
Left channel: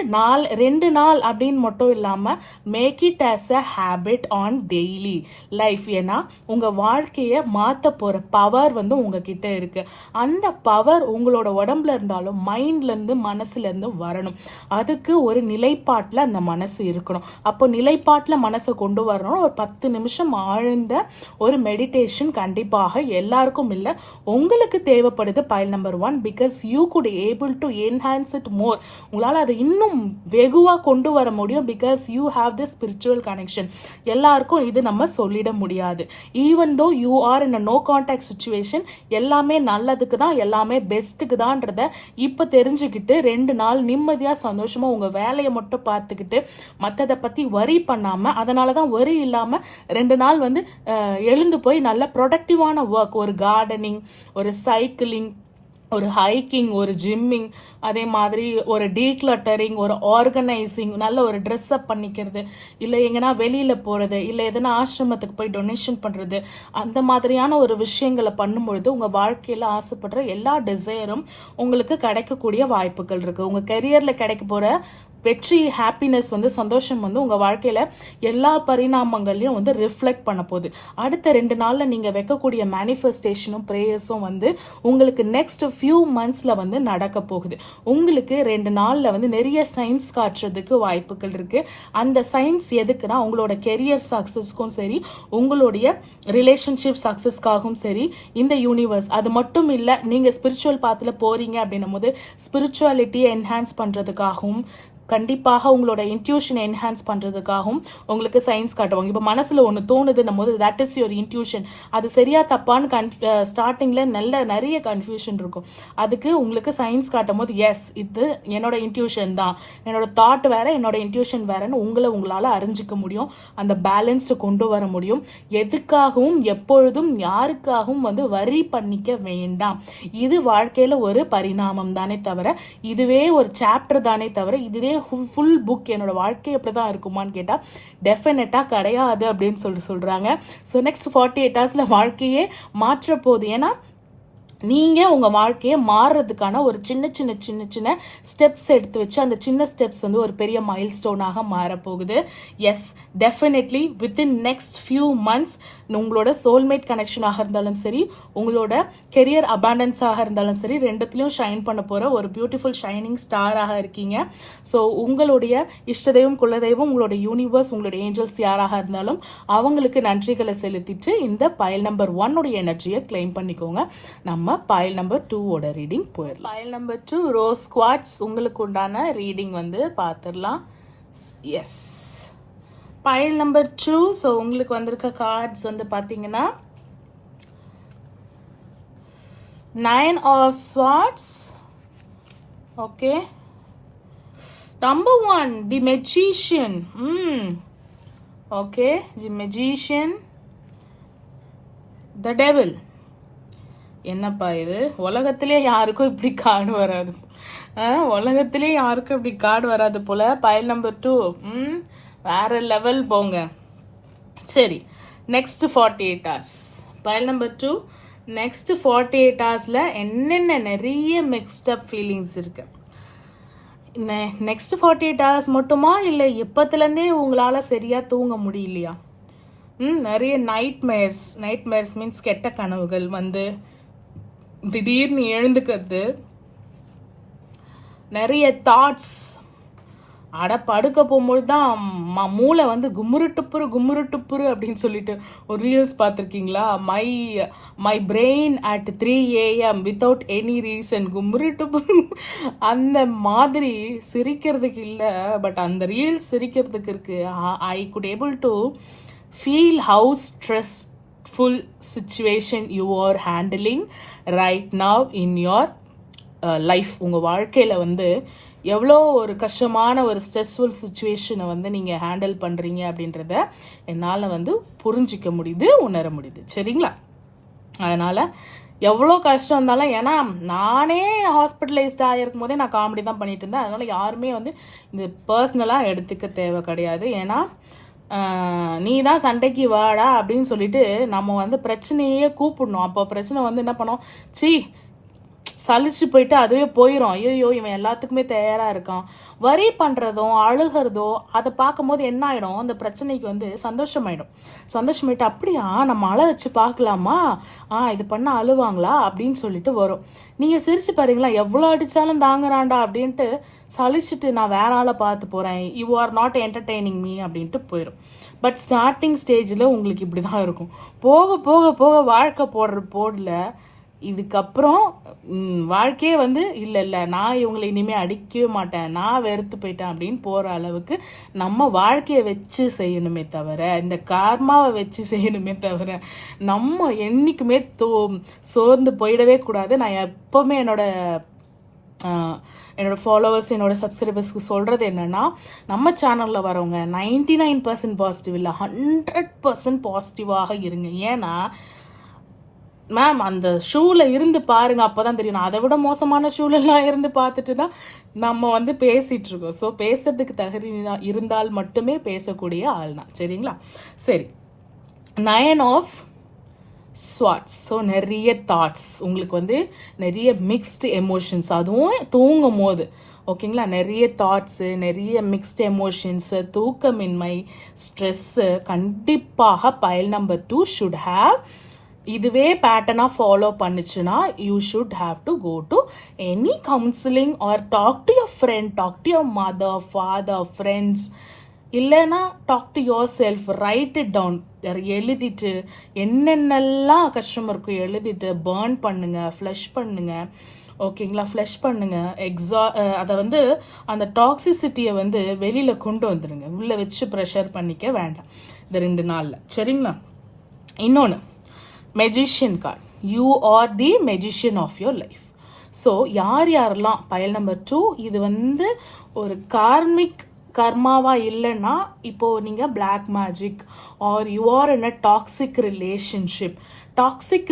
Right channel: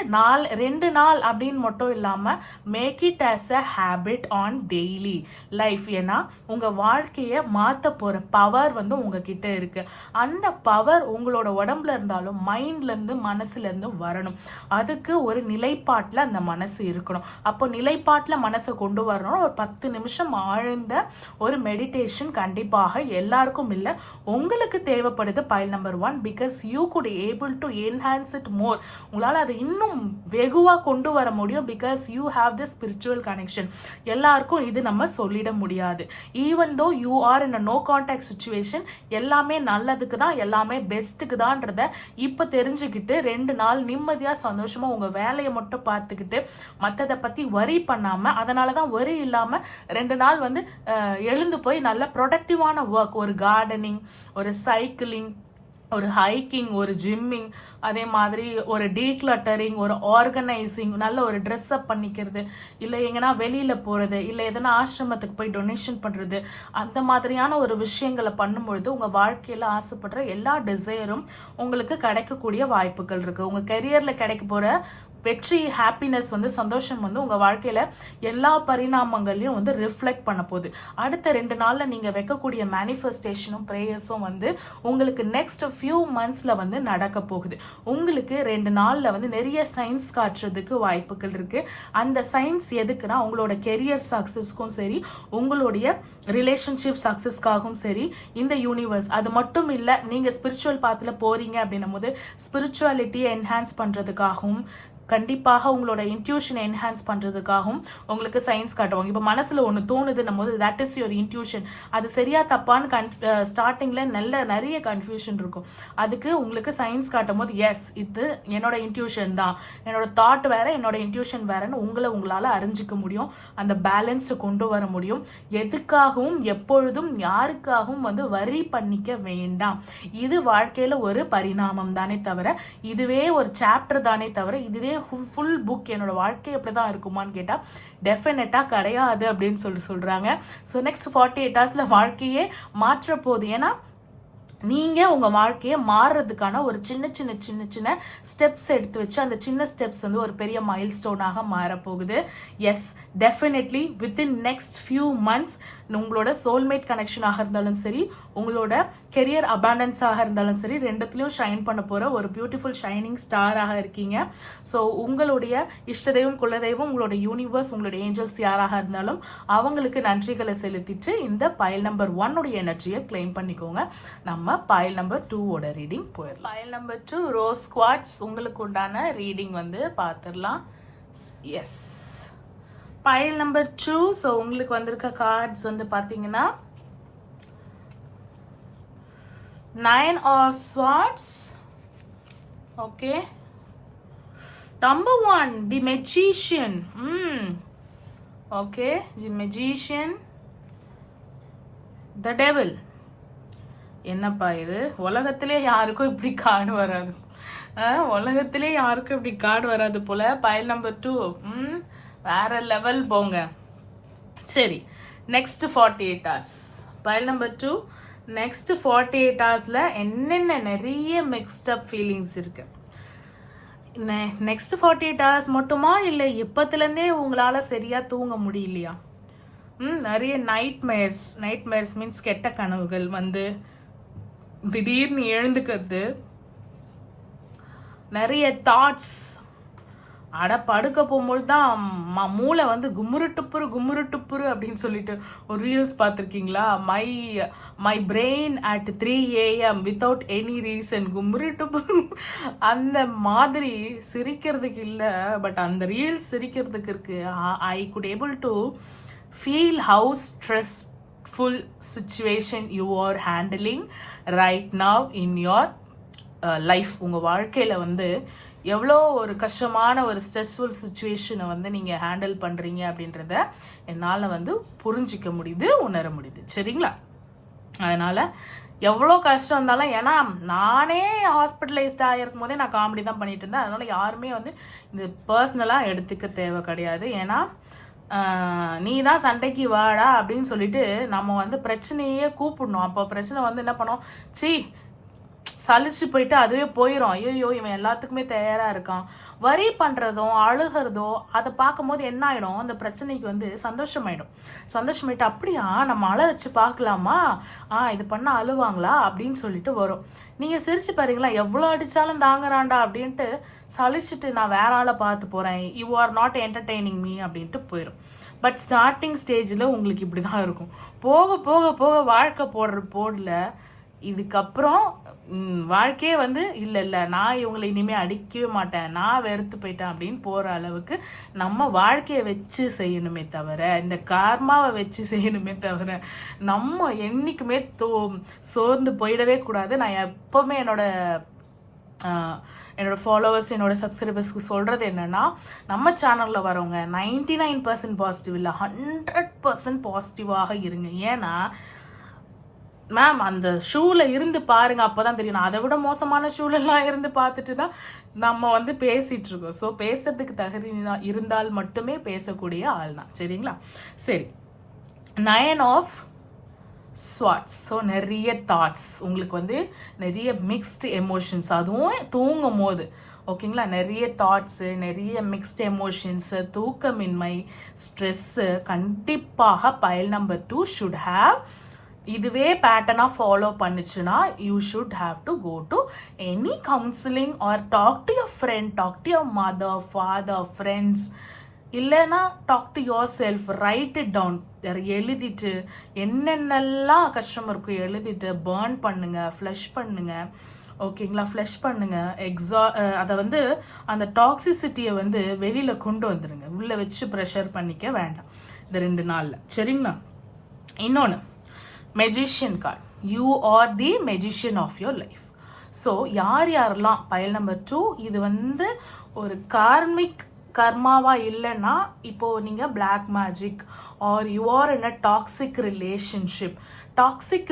2 நாள் அப்படின்னு மட்டும் இல்லாம make it as a habit on daily life. ஏன்னா உங்க வாழ்க்கையை மாத்த போற பவர் வந்து உங்ககிட்ட இருக்கு. அந்த பவர் உங்களோட உடம்புல இருந்தாலும் மைண்ட்ல இருந்து மனசுல இருந்து வரணும். அதுக்கு ஒரு நிலைப்பாட்டுல அந்த மனசு இருக்கணும். அப்போ நிலைப்பாட்டுல மனசை கொண்டு வரணும். ஒரு 10 நிமிஷம் ஆழ்ந்த ஒரு மெடிடேஷன் கண்டிப்பாக எல்லாருக்கும் இல்லை, உங்களுக்கு தேவைப்படுது. Pile number 1, because you could able to enhance it more. உங்களால் அதை இன்னும் வெகுவாக கொண்டு வர முடியும். Because you have the spiritual connection. எல்லாருக்கும் இது நம்ம சொல்லிட முடியாது. Even though you are in a no contact situation, எல்லாமே நல்லதுக்கு தான், எல்லாமே பெஸ்ட்டுக்கு தான்றத இப்போ தெரிஞ்சுக்கிட்டு 2 நாள் நிம்மதியாக சந்தோஷமாக உங்கள் வேலையை மட்டும் பார்த்துக்கிட்டு மற்றதை பற்றி வரி பண்ணாமல், அதனால தான் வரி இல்லாமல் 2 நாள் வந்து எழுந்து போய் நல்ல ப்ரொடக்டிவான ஒர்க், ஒரு கார்டனிங், ஒரு சைக்கிளிங், ஒரு ஹைக்கிங், ஒரு ஜிம்மிங், அதே மாதிரி ஒரு டீக்ளட்டரிங், ஒரு ஆர்கனைசிங், நல்ல ஒரு ட்ரெஸ் அப் பண்ணிக்கிறது, இல்லை எங்கன்னா வெளியில் போகிறது, இல்லை எதனா ஆசிரமத்துக்கு போய் டொனேஷன் பண்ணுறது, அந்த மாதிரியான ஒரு விஷயங்களை பண்ணும்பொழுது உங்கள் வாழ்க்கையில் ஆசைப்படுற எல்லா டிசைரும் உங்களுக்கு கிடைக்கக்கூடிய வாய்ப்புகள் இருக்குது. உங்கள் கெரியரில் கிடைக்க போகிற வெற்றி, ஹாப்பினஸ் வந்து, சந்தோஷம் வந்து உங்கள் வாழ்க்கையில் எல்லா பரிணாமங்களையும் வந்து ரிஃப்ளெக்ட் பண்ண போகுது. அடுத்த 2 நாளில் நீங்கள் வைக்கக்கூடிய மேனிஃபெஸ்டேஷனும் ப்ரேயர்ஸும் வந்து உங்களுக்கு நெக்ஸ்ட் ஃபியூ மந்த்ஸில் வந்து நடக்க போகுது. உங்களுக்கு 2 நாளில் வந்து நிறைய சயின்ஸ் காட்டுறதுக்கு வாய்ப்புகள் இருக்குது. அந்த சயின்ஸ் எதுக்குன்னா உங்களோட கெரியர் சக்ஸஸ்க்கும் சரி, உங்களுடைய ரிலேஷன்ஷிப் சக்ஸஸ்க்காகவும் சரி, இந்த யூனிவர்ஸ் அது மட்டும் இல்லை, நீங்கள் ஸ்பிரிச்சுவல் பாத்தில் போகிறீங்க அப்படின்னும் போது ஸ்பிரிச்சுவாலிட்டியை என்ஹான்ஸ் பண்ணுறதுக்காகவும், கண்டிப்பாக உங்களோட இன்ட்யூஷனை என்ஹான்ஸ் பண்ணுறதுக்காகவும் உங்களுக்கு சயின்ஸ் காட்டுவாங்க. இப்போ மனசில் ஒன்று தோணுதுன்னும் போது தட் இஸ் யுவர் இன்ட்யூஷன். அது சரியா தப்பான்னு ஸ்டார்டிங்கில் நிறைய கன்ஃபியூஷன் இருக்கும். அதுக்கு உங்களுக்கு சயின்ஸ் காட்டும் போது எஸ், இது என்னோட இன்ட்யூஷன் தான், என்னோட தாட் வேற, என்னோட இன்ட்யூஷன் வேறன்னு உங்களால் அறிஞ்சிக்க முடியும். அந்த பேலன்ஸை கொண்டு வர முடியும். எதுக்காகவும் எப்பொழுதும் யாருக்காகவும் வந்து வரி பண்ணிக்க வேண்டாம். இது வாழ்க்கையில் ஒரு பரிணாமம் தானே தவிர, இதுவே ஒரு சாப்டர் தானே தவிர, இதுவே ஃபுல் புக் என்னோட வாழ்க்கை எப்படிதான் இருக்குமான்னு கேட்டால் டெஃபினட்டா கிடையாது அப்படின்னு சொல்றாங்க. ஸோ நெக்ஸ்ட் 48 ஹவர்ஸ்ல வாழ்க்கையே மாற்ற போகுது. ஏன்னா நீங்கள் உங்கள் வாழ்க்கையை மாறுறதுக்கான ஒரு சின்ன சின்ன சின்ன சின்ன ஸ்டெப்ஸ் எடுத்து வச்சு அந்த சின்ன ஸ்டெப்ஸ் வந்து ஒரு பெரிய மைல் ஸ்டோனாக மாறப்போகுது. Yes, definitely within next few months உங்களோட சோல்மேட் கனெக்ஷனாக இருந்தாலும் சரி, உங்களோட கெரியர் அபாண்டன்ஸாக இருந்தாலும் சரி, ரெண்டுத்துலையும் ஷைன் பண்ண போகிற ஒரு பியூட்டிஃபுல் ஷைனிங் ஸ்டாராக இருக்கீங்க. ஸோ உங்களுடைய இஷ்டதெய்வம், குலதெய்வம், உங்களோட யூனிவர்ஸ், உங்களோட ஏஞ்சல்ஸ் யாராக இருந்தாலும் அவங்களுக்கு நன்றிகளை செலுத்திட்டு இந்த பைல் நம்பர் 1 உடைய எனர்ஜியை கிளைம் பண்ணிக்கோங்க. நம்ம பைல் நம்பர் 2 ஓட ரீடிங் போயிடலாம். பைல் நம்பர் 2 ரோஸ் குவார்ட்ஸ், உங்களுக்கு உண்டான ரீடிங் வந்து பார்த்துடலாம். S, file number 2. ஸோ உங்களுக்கு வந்திருக்க கார்ட்ஸ் வந்து பார்த்தீங்கன்னா 9 of Swords. Okay, number 1 the magician. Okay, the magician, the devil. என்னப்பா இது, உலகத்திலே யாருக்கும் இப்படி கார்டு வராது, உலகத்திலே யாருக்கும் இப்படி கார்டு வராது போல. பைல் நம்பர் 2 வேற லெவல் போங்க. சரி, next 48 hours. File number 2 next 48 ஹவர்ஸ்ல என்னென்ன நிறைய மிக்ஸ்ட் அப் ஃபீலிங்ஸ் இருக்கு. நெக்ஸ்ட் 48 ஹவர்ஸ் மட்டுமா, இல்லை எப்பத்துலேருந்தே உங்களால் சரியா தூங்க முடியலையா? நிறைய நைட்மேர்ஸ் மீன்ஸ் கெட்ட கனவுகள் வந்து திடீர்னு எழுந்துக்கிறது, நிறைய தாட்ஸ், படுக்க போகும்போது தான் மூளை வந்து கும்முரு டுப்புரு அப்படின்னு சொல்லிட்டு ஒரு ரீல்ஸ் பார்த்துருக்கீங்களா? My brain at 3 AM without any reason கும்முரு டுப்புரு. அந்த மாதிரி சிரிக்கிறதுக்கு இல்லை, பட் அந்த ரீல்ஸ் சிரிக்கிறதுக்கு இருக்கு. I could able to feel how stressful situation you are handling right now in your life. உங்கள் வாழ்க்கையில் வந்து எவ்வளோ ஒரு கஷ்டமான ஒரு ஸ்ட்ரெஸ்ஃபுல் சுச்சுவேஷனை வந்து நீங்கள் ஹேண்டில் பண்ணுறீங்க அப்படின்றத என்னால் வந்து புரிஞ்சிக்க முடியுது, உணர முடியுது. சரிங்களா? அதனால் எவ்வளோ கஷ்டம் இருந்தாலும், ஏன்னா நானே ஹாஸ்பிட்டலைஸ்ட் ஆகிருக்கும் போதே நான் காமெடி தான் பண்ணிட்டு இருந்தேன். அதனால் யாருமே வந்து இந்த பர்சனலாக எடுத்துக்க தேவை கிடையாது. ஏன்னா நீ தான் சண்டைக்கு வாடா அப்படின்னு சொல்லிட்டு நம்ம வந்து பிரச்சனையே கூப்பிடணும். அப்போ பிரச்சனை வந்து என்ன பண்ணோம், சலிச்சு போயிட்டு அதுவே போயிடும். ஐயோ இவன் எல்லாத்துக்குமே தயாராக இருக்கான். வரி பண்ணுறதோ அழுகிறதோ அதை பார்க்கும்போது என்ன ஆகிடும், அந்த பிரச்சனைக்கு வந்து சந்தோஷமாயிட்டு அப்படியா நம்ம அழ வச்சு பார்க்கலாமா, இது பண்ணால் அழுவாங்களா அப்படின்னு சொல்லிட்டு வரும். நீங்கள் சிரிச்சு பாருங்களா, எவ்வளோ அடித்தாலும் தாங்குறான்டா அப்படின்ட்டு சலிச்சுட்டு நான் வேற ஆளை பார்த்து போகிறேன், you are not entertaining me அப்படின்ட்டு போயிடும். பட் ஸ்டார்டிங் ஸ்டேஜில் உங்களுக்கு இப்படி தான் இருக்கும். போக போக போக வாழ்க்கை போடல இதுக்கப்புறம் வாழ்க்கையே வந்து இல்லை நான் இவங்களை இனிமேல் அடிக்கவே மாட்டேன், நான் வெறுத்து போயிட்டேன் அப்படின்னு போகிற அளவுக்கு நம்ம வாழ்க்கையை வச்சு செய்யணுமே தவிர, இந்த கார்மாவை வச்சு செய்யணுமே தவிர நம்ம என்றைக்குமே சோர்ந்து போயிடவே கூடாது. நான் எப்போவுமே என்னோட ஃபாலோவர்ஸ், என்னோட சப்ஸ்கிரைபர்ஸ்க்கு சொல்கிறது என்னென்னா, நம்ம சேனலில் வரவங்க 99% பாசிட்டிவ் இல்லை, 100% பாசிட்டிவாக இருங்க. ஏன்னா மேம் அந்த ஷூவில் இருந்து பாருங்க, அப்போதான் தெரியும். அதை விட மோசமான ஷூலெல்லாம் இருந்து பார்த்துட்டு தான் நம்ம வந்து பேசிகிட்டு இருக்கோம். ஸோ பேசுறதுக்கு தகுதி இருந்தால் மட்டுமே பேசக்கூடிய ஆள் தான். சரிங்களா? சரி, 9 of Swords. ஸோ நிறைய தாட்ஸ், உங்களுக்கு வந்து நிறைய மிக்ஸ்டு எமோஷன்ஸ், அதுவும் தூங்கும் போது. ஓகேங்களா? நிறைய தாட்ஸு, நிறைய மிக்ஸ்டு எமோஷன்ஸு, தூக்கமின்மை, ஸ்ட்ரெஸ்ஸு. கண்டிப்பாக பைல் நம்பர் 2 ஷுட் ஹேவ் இதுவே பேட்டர்னாக ஃபாலோ பண்ணுச்சுன்னா you should have to go to any counselling or talk to your friend, talk to your mother, father, friends. இல்லைன்னா talk to yourself, write it down. எழுதிட்டு என்னென்னலாம் கஷ்டம் இருக்கும் எழுதிட்டு burn பண்ணுங்க, ஃப்ளஷ் பண்ணுங்க. ஓகேங்களா? ஃப்ளஷ் பண்ணுங்க. அதை வந்து அந்த டாக்ஸிசிட்டியை வந்து வெளியில் கொண்டு வந்துடுங்க. உள்ளே வச்சு ப்ரெஷர் பண்ணிக்க வேண்டாம் இந்த 2 நாளில். சரிங்களா? இன்னொன்று, magician card. You are the magician of your life. So யாரெல்லாம் பைல் நம்பர் 2 இது வந்து ஒரு கார்மிக் கர்மாவா இல்லைன்னா, இப்போ நீங்கள் black magic or you are in a toxic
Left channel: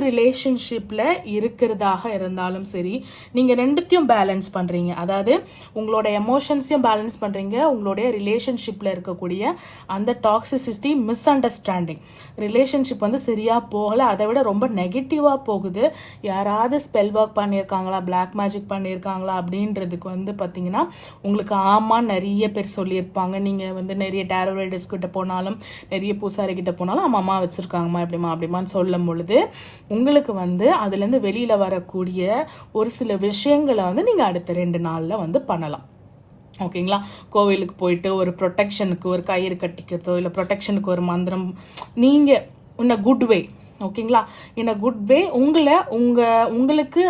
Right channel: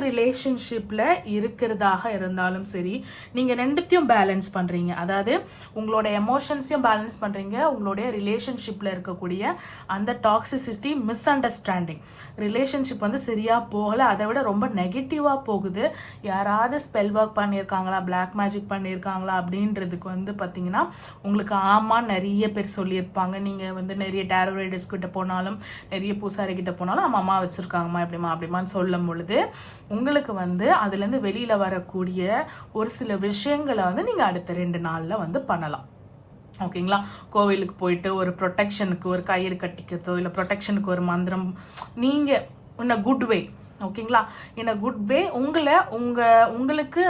ரிலேஷன்ஷிப்பில் இருக்கிறதாக இருந்தாலும் சரி, நீங்கள் ரெண்டுத்தையும் பேலன்ஸ் பண்ணுறீங்க. அதாவது உங்களோட எமோஷன்ஸையும் பேலன்ஸ் பண்ணுறீங்க, உங்களுடைய ரிலேஷன்ஷிப்பில் இருக்கக்கூடிய அந்த டாக்ஸிசிட்டி, மிஸ் அண்டர்ஸ்டாண்டிங், ரிலேஷன்ஷிப் வந்து சரியாக போகலை, அதை விட ரொம்ப நெகட்டிவாக போகுது, யாராவது ஸ்பெல் ஒர்க் பண்ணியிருக்காங்களா, பிளாக் மேஜிக் பண்ணியிருக்காங்களா அப்படின்றதுக்கு வந்து பார்த்தீங்கன்னா உங்களுக்கு ஆமாம் நிறைய பேர் சொல்லியிருப்பாங்க. நீங்கள் வந்து நிறைய டேரோ ரைடர்ஸ் கிட்ட போனாலும், நிறைய பூசாரி கிட்ட போனாலும் அம்மா வச்சுருக்காங்கம்மா அப்படிமான்னு சொல்லும் பொழுது உங்களுக்கு வந்து அதுலேருந்து வெளியில் வரக்கூடிய ஒரு சில விஷயங்களை வந்து நீங்கள் அடுத்த 2 நாளில் வந்து பண்ணலாம். ஓகேங்களா? கோவிலுக்கு போயிட்டு ஒரு ப்ரொடெக்ஷனுக்கு ஒரு கயிறு கட்டிக்கிறதோ, இல்லை ப்ரொடெக்ஷனுக்கு ஒரு மந்திரம், நீங்கள் இன் அ குட் வே. ஓகேங்களா? இன் அ குட் வே உங்களுக்கு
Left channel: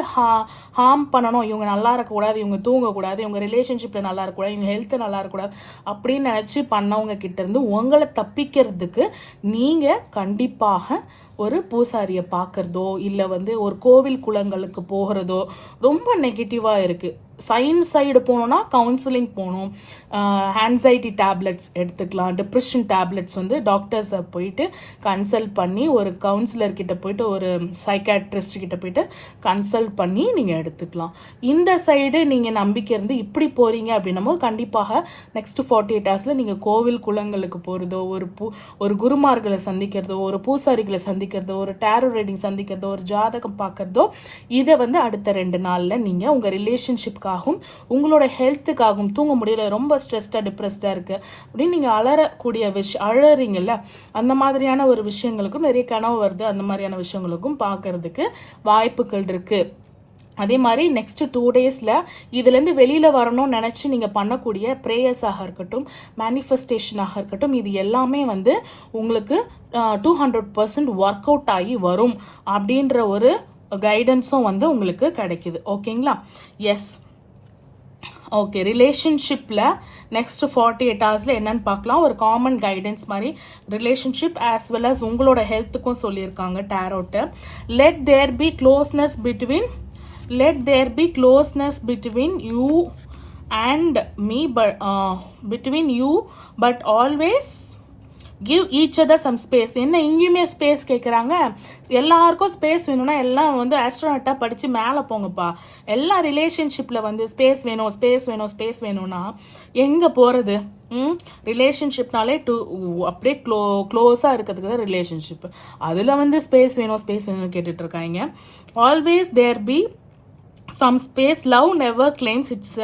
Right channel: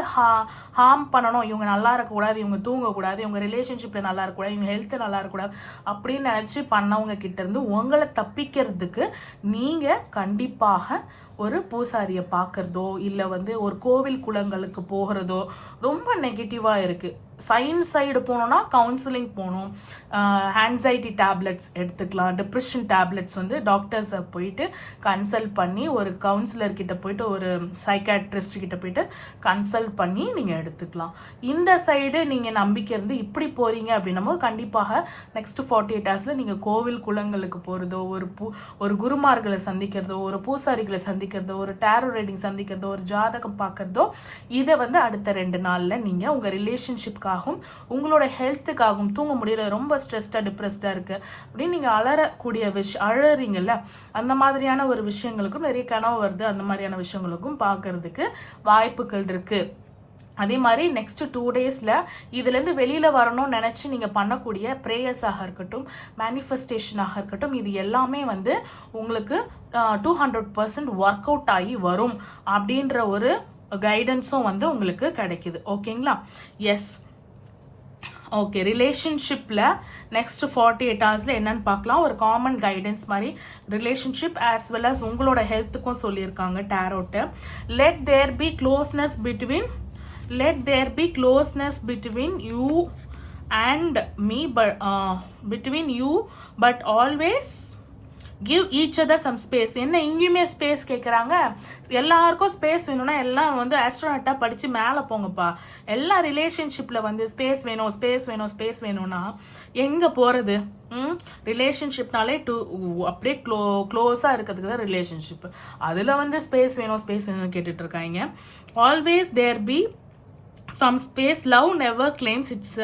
ஹார்ம் பண்ணணும், இவங்க நல்லா இருக்கக்கூடாது, இவங்க தூங்கக்கூடாது, இவங்க ரிலேஷன்ஷிப்பில் நல்லா இருக்கக்கூடாது, இவங்க ஹெல்த்து நல்லா இருக்கக்கூடாது அப்படின்னு நினச்சி பண்ணவங்க கிட்டேருந்து உங்களை தப்பிக்கிறதுக்கு நீங்கள் கண்டிப்பாக ஒரு பூசாரியை பார்க்குறதோ, இல்லை வந்து ஒரு கோவில் குளங்களுக்கு போகிறதோ ரொம்ப நெகட்டிவாக இருக்குது. சயின்ஸ் சைடு போனோம்னா கவுன்சிலிங் போகணும், ஆன்சைட்டி டேப்லெட்ஸ் எடுத்துக்கலாம், டிப்ரெஷன் டேப்லெட்ஸ் வந்து டாக்டர்ஸை போயிட்டு கன்சல்ட் பண்ணி, ஒரு கவுன்சிலர் கிட்ட போயிட்டு, ஒரு சைக்காட்ரிஸ்ட் கிட்ட போயிட்டு கன்சல்ட் பண்ணி நீங்கள் எடுத்துக்கலாம். இந்த சைடு நீங்கள் நம்பிக்கை இருந்து இப்படி போகிறீங்க அப்படின்னும் போது கண்டிப்பாக நெக்ஸ்ட் 48 ஹவர்ஸில் நீங்கள் கோவில் குளங்களுக்கு போகிறதோ, ஒரு குருமார்களை சந்திக்கிறதோ, ஒரு பூசாரிகளை சந்திக்கிறதோ, ஒரு டேரோ ரீடிங் சந்திக்கிறதோ, ஒரு ஜாதகம் பார்க்கறதோ, இதை வந்து அடுத்த 2 நாளில் நீங்கள் உங்கள் ரிலேஷன்ஷிப் உங்களோட ஹெல்த்துக்காகவும், தூங்க முடியல, ரொம்ப ஸ்ட்ரெஸ்டா டிப்ரெஸ்டா இருக்கு அப்படின்னு நீங்க அலறக்கூடிய அழறீங்கல்ல, அந்த மாதிரியான ஒரு விஷயங்களுக்கும் நிறைய கனவு வருது, அந்த மாதிரியான விஷயங்களுக்கும் பார்க்கறதுக்கு வாய்ப்புகள் இருக்கு. அதே மாதிரி நெக்ஸ்ட் 2 டேஸில் இதுலேருந்து வெளியில் வரணும்னு நினச்சி நீங்கள் பண்ணக்கூடிய ப்ரேயர்ஸாக இருக்கட்டும், மேனிஃபெஸ்டேஷனாக இருக்கட்டும், இது எல்லாமே வந்து உங்களுக்கு 200% ஒர்க் அவுட் ஆகி வரும் அப்படின்ற ஒரு கைடன்ஸும் வந்து உங்களுக்கு கிடைக்குது. ஓகேங்களா? எஸ். ஓகே, ரிலேஷன்ஷிப்பில் நெக்ஸ்ட் 48 ஹவர்ஸில் என்னன்னு பார்க்கலாம். ஒரு காமன் கைடன்ஸ் மாதிரி ரிலேஷன்ஷிப் ஆஸ் வெல் அஸ் உங்களோட ஹெல்த்துக்கும் சொல்லியிருக்காங்க tarot. Let there be closeness between you and me, but between you but always give each other some space. என்ன இங்கேயுமே ஸ்பேஸ் கேட்குறாங்க? எல்லாருக்கும் ஸ்பேஸ் வேணும்னா எல்லாம் வந்து ஆஸ்ட்ரோனட்டாக படித்து மேலே போங்கப்பா. எல்லா ரிலேஷன்ஷிப்பில் வந்து ஸ்பேஸ் வேணும்னா எங்கே போகிறது? ரிலேஷன்ஷிப்னாலே அப்படியே க்ளோஸாக இருக்கிறதுக்கு தான் ரிலேஷன்ஷிப். அதில் வந்து ஸ்பேஸ் வேணும்னு கேட்டுட்டு இருக்காங்க. Always there be some space. Love never claims, it's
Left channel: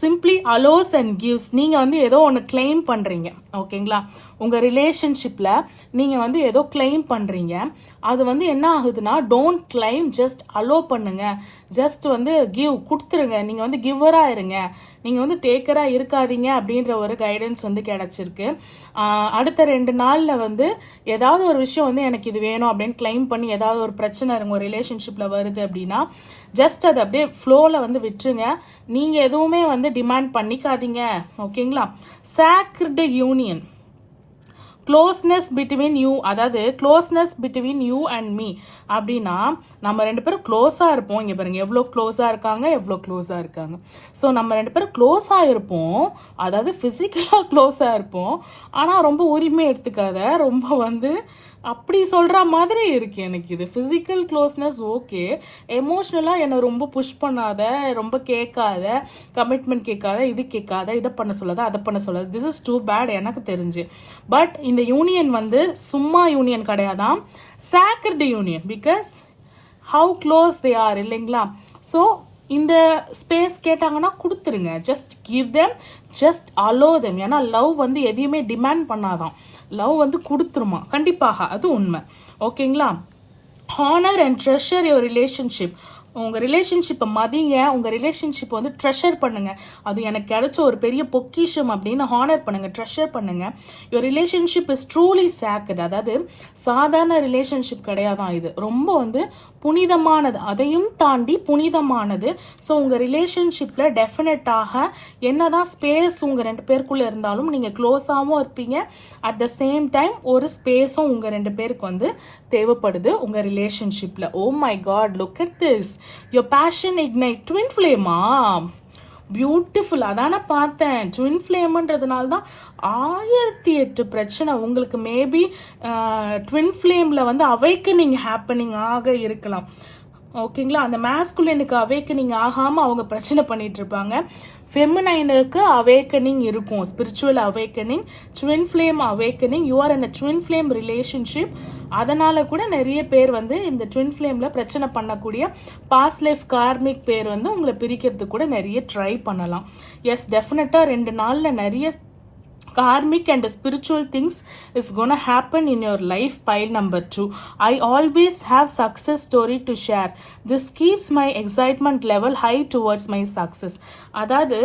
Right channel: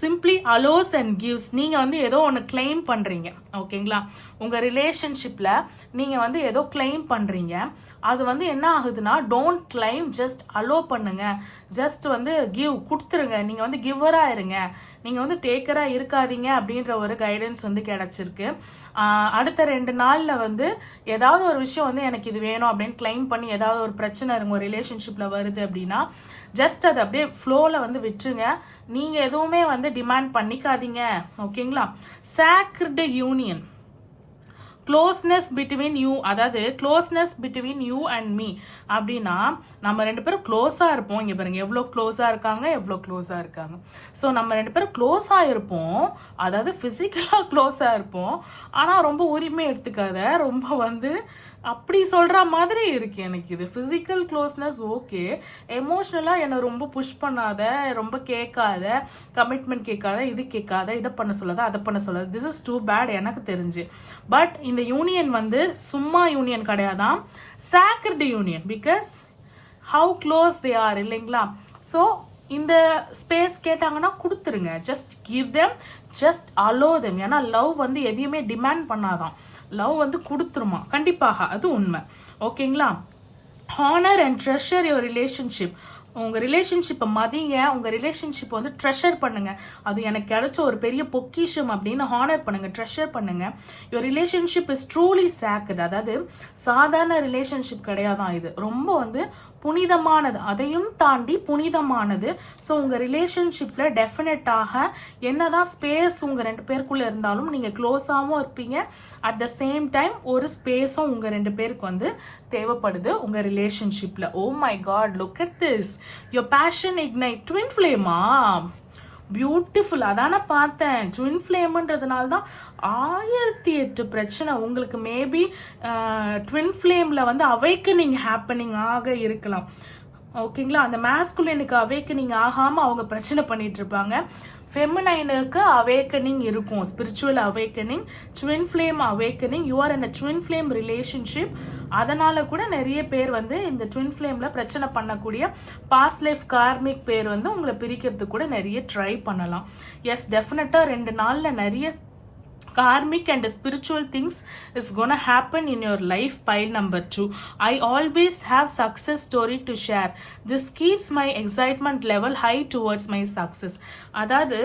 simply allows and gives. நீங்கள் வந்து ஏதோ ஒன்று கிளைம் பண்ணுறீங்க. ஓகேங்களா? உங்கள் ரிலேஷன்ஷிப்பில் நீங்கள் வந்து ஏதோ கிளைம் பண்ணுறீங்க. அது வந்து என்ன ஆகுதுன்னா, டோன்ட் கிளைம், ஜஸ்ட் அலோ பண்ணுங்க. ஜஸ்ட் வந்து கிவ், கொடுத்துருங்க. நீங்கள் வந்து கிவ்வராக இருங்க, நீங்கள் வந்து டேக்கராக இருக்காதீங்க அப்படின்ற ஒரு கைடன்ஸ் வந்து கிடச்சிருக்கு. அடுத்த 2 நாளில் வந்து ஏதாவது ஒரு விஷயம் வந்து எனக்கு இது வேணும் அப்படின்னு கிளைம் பண்ணி ஏதாவது ஒரு பிரச்சனை உங்கள் ரிலேஷன்ஷிப்பில் வருது அப்படின்னா ஜஸ்ட் அதை அப்படியே ஃப்ளோவில் வந்து விட்டுருங்க. நீங்கள் எதுவுமே வந்து டிமாண்ட் பண்ணிக்காதீங்க. ஓகேங்களா? Sacred union, closeness between you, அதாவது closeness between you and me அப்படின்னா நம்ம 2 பேரும் க்ளோஸாக இருப்போம். இங்கே பாருங்க எவ்வளோ க்ளோஸாக இருக்காங்க. ஸோ நம்ம 2 பேரும் க்ளோஸாக இருப்போம், அதாவது ஃபிசிக்கலாக க்ளோஸாக இருப்போம். ஆனால் ரொம்ப உரிமை எடுத்துக்காத, ரொம்ப வந்து அப்படி சொல்கிற மாதிரி இருக்கு எனக்கு இது. ஃபிசிக்கல் க்ளோஸ்னஸ் ஓகே, எமோஷ்னலாக என்னை ரொம்ப புஷ் பண்ணாத, ரொம்ப கேட்காத, கமிட்மெண்ட் கேட்காத, இது கேட்காத, இதை பண்ண சொல்லாத, அதை பண்ண சொல்லாத. திஸ் இஸ் டூ பேட் எனக்கு தெரிஞ்சு. பட் இந்த யூனியன் வந்து சும்மா யூனியன் கிடையாதான், sacred union. Because how close they are, இல்லைங்களா? ஸோ இந்த ஸ்பேஸ் கேட்டாங்கன்னா கொடுத்துருங்க. Just give them, just allow them. ஏன்னா லவ் வந்து எதையுமே டிமாண்ட் பண்ணாதான், லவ் வந்து கொடுத்துருமா கண்டிப்பாக, அது உண்மை. ஓகேங்களா? Honour and treasure your relationship. உங்கள் ரிலேஷன்ஷிப்பை மதிங்க, உங்கள் ரிலேஷன்ஷிப்பை வந்து ட்ரெஷர் பண்ணுங்க. அது எனக்கு கிடைச்ச ஒரு பெரிய பொக்கிஷம் அப்படின்னு ஹானர் பண்ணுங்க, ட்ரெஷர் பண்ணுங்க. Your relationship is truly sacred. அதாவது சாதாரண ரிலேஷன்ஷிப் கிடையாதான், இது ரொம்ப வந்து புனிதமானது, அதையும் தாண்டி புனிதமானது. ஸோ உங்கள் ரிலேஷன்ஷிப்பில் டெஃபினட்டாக என்னதான் ஸ்பேஸ் உங்கள் 2 பேருக்குள்ளே இருந்தாலும் நீங்கள் க்ளோஸாகவும் இருப்பீங்க. அட் த சேம் டைம் ஒரு ஸ்பேஸும் உங்கள் 2 பேருக்கு வந்து தேவைப்படுது உங்கள் ரிலேஷன்ஷிப்பில். Oh my God, look at this, your passion ignite. Twin ஃப்ளேமா? பியூட்டிஃபுல். அதான பார்த்தேன். ட்வின் ஃப்ளேம்ன்றதுனால தான் 1008 பிரச்சனை உங்களுக்கு. மேபி ட்வின் ஃப்ளேமில் வந்து அவைக்கனிங் ஹேப்பனிங் ஆக இருக்கலாம். ஓகேங்களா? அந்த மேஸ்குலினுக்கு அவேக்கனிங் ஆகாமல் அவங்க பிரச்சனை பண்ணிட்டு இருப்பாங்க. ஃபெமினைனுக்கு அவேக்கனிங் இருக்கும், spiritual awakening, twin flame awakening. You are in a twin flame relationship. அதனால கூட நிறைய பேர் வந்து இந்த ட்வின் ஃப்ளேமில் பிரச்சனை பண்ணக்கூடிய பாஸ்ட் லைஃப் கார்மிக் பேர் வந்து உங்களை பிரிக்கிறதுக்கு கூட நிறைய ட்ரை பண்ணலாம். எஸ், டெஃபினட்டாக 2 நாளில் நிறைய karmic and spiritual things is gonna happen in your life. Pile number 2, I always have success story to share. This keeps my excitement level high towards my success. அதாவது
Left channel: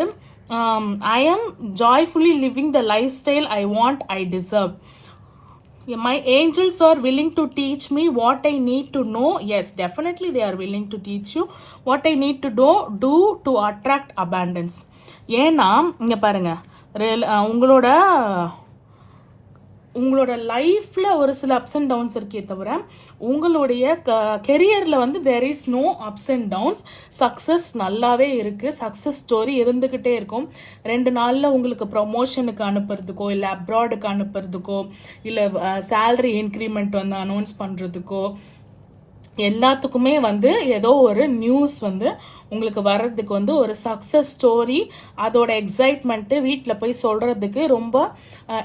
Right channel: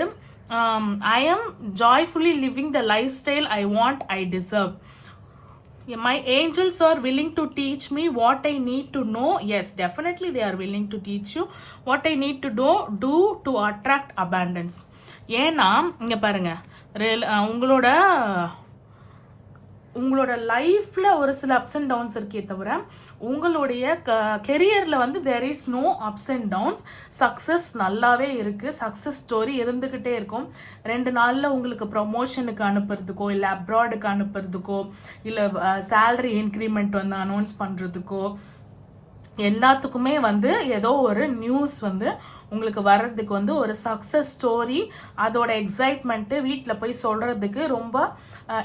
I am joyfully living the lifestyle I want, I deserve. My angels are willing to teach me what I need to know. Yes, definitely they are willing to teach you what I need to do to attract abundance. ஏன்னா இங்க பாருங்க, உங்களோட லைஃப்பில் ஒரு சில ups and downs இருக்கே தவிர உங்களுடைய கெரியரில் வந்து there is no ups and downs. Success நல்லாவே இருக்குது, சக்ஸஸ் ஸ்டோரி இருந்துக்கிட்டே இருக்கும். 2 நாளில் உங்களுக்கு ப்ரொமோஷனுக்கு அனுப்புறதுக்கோ, இல்லை அப்ராடுக்கு அனுப்புறதுக்கோ, இல்லை சேலரி இன்க்ரிமெண்ட் வந்து அனௌன்ஸ் பண்ணுறதுக்கோ, எல்லாத்துக்குமே வந்து ஏதோ ஒரு நியூஸ் வந்து உங்களுக்கு வர்றதுக்கு வந்து ஒரு சக்ஸஸ் ஸ்டோரி, அதோட எக்ஸைட்மெண்ட்டு வீட்டில் போய் சொல்கிறதுக்கு ரொம்ப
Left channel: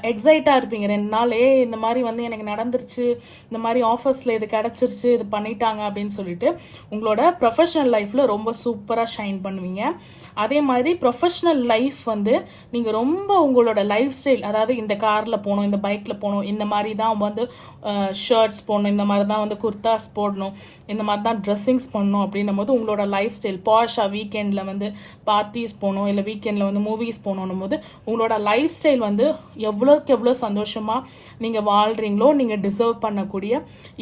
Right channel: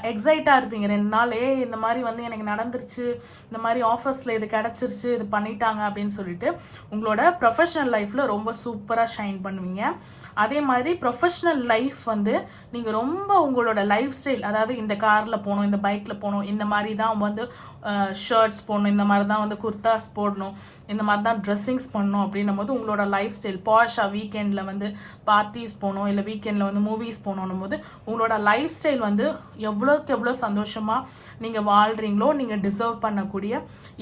எக்ஸைட்டாக இருப்பீங்க 2 நாள். இந்த மாதிரி வந்து எனக்கு நடந்துருச்சு, இந்த மாதிரி ஆஃபர்ஸில் இது கிடச்சிருச்சு, இது பண்ணிட்டாங்க அப்படின்னு சொல்லிட்டு உங்களோட ப்ரொஃபஷனல் லைஃப்பில் ரொம்ப சூப்பராக ஷைன் பண்ணுவீங்க. அதே மாதிரி ப்ரொஃபஷ்னல் லைஃப் வந்து நீங்கள் ரொம்ப உங்களோட லைஃப் ஸ்டைல், அதாவது இந்த காரில் போகணும், இந்த பைக்கில் போகணும், இந்த மாதிரி தான் வந்து ஷர்ட்ஸ் போடணும், இந்த மாதிரி தான் வந்து குர்தாஸ் போடணும், இந்த மாதிரி தான் ட்ரெஸ்ஸிங்ஸ் பண்ணணும் அப்படின்னும் போது உங்களோட லைஃப் ஸ்டைல் பாஷாக வீக்கெண்டில் வந்து பார்ட்டிஸ் போகணும், இல்லை வீக்கெண்டில் வந்து மூவிஸ் போகணும் போது உங்களோட லைஃப் ஸ்டைல் வந்து எவ்வளோக்கு எவ்வளோ சந்தோஷமாக நீங்கள் வாழ்கிறீங்களோ, நீங்கள் டிசர்வ் பண்ணக்கூடிய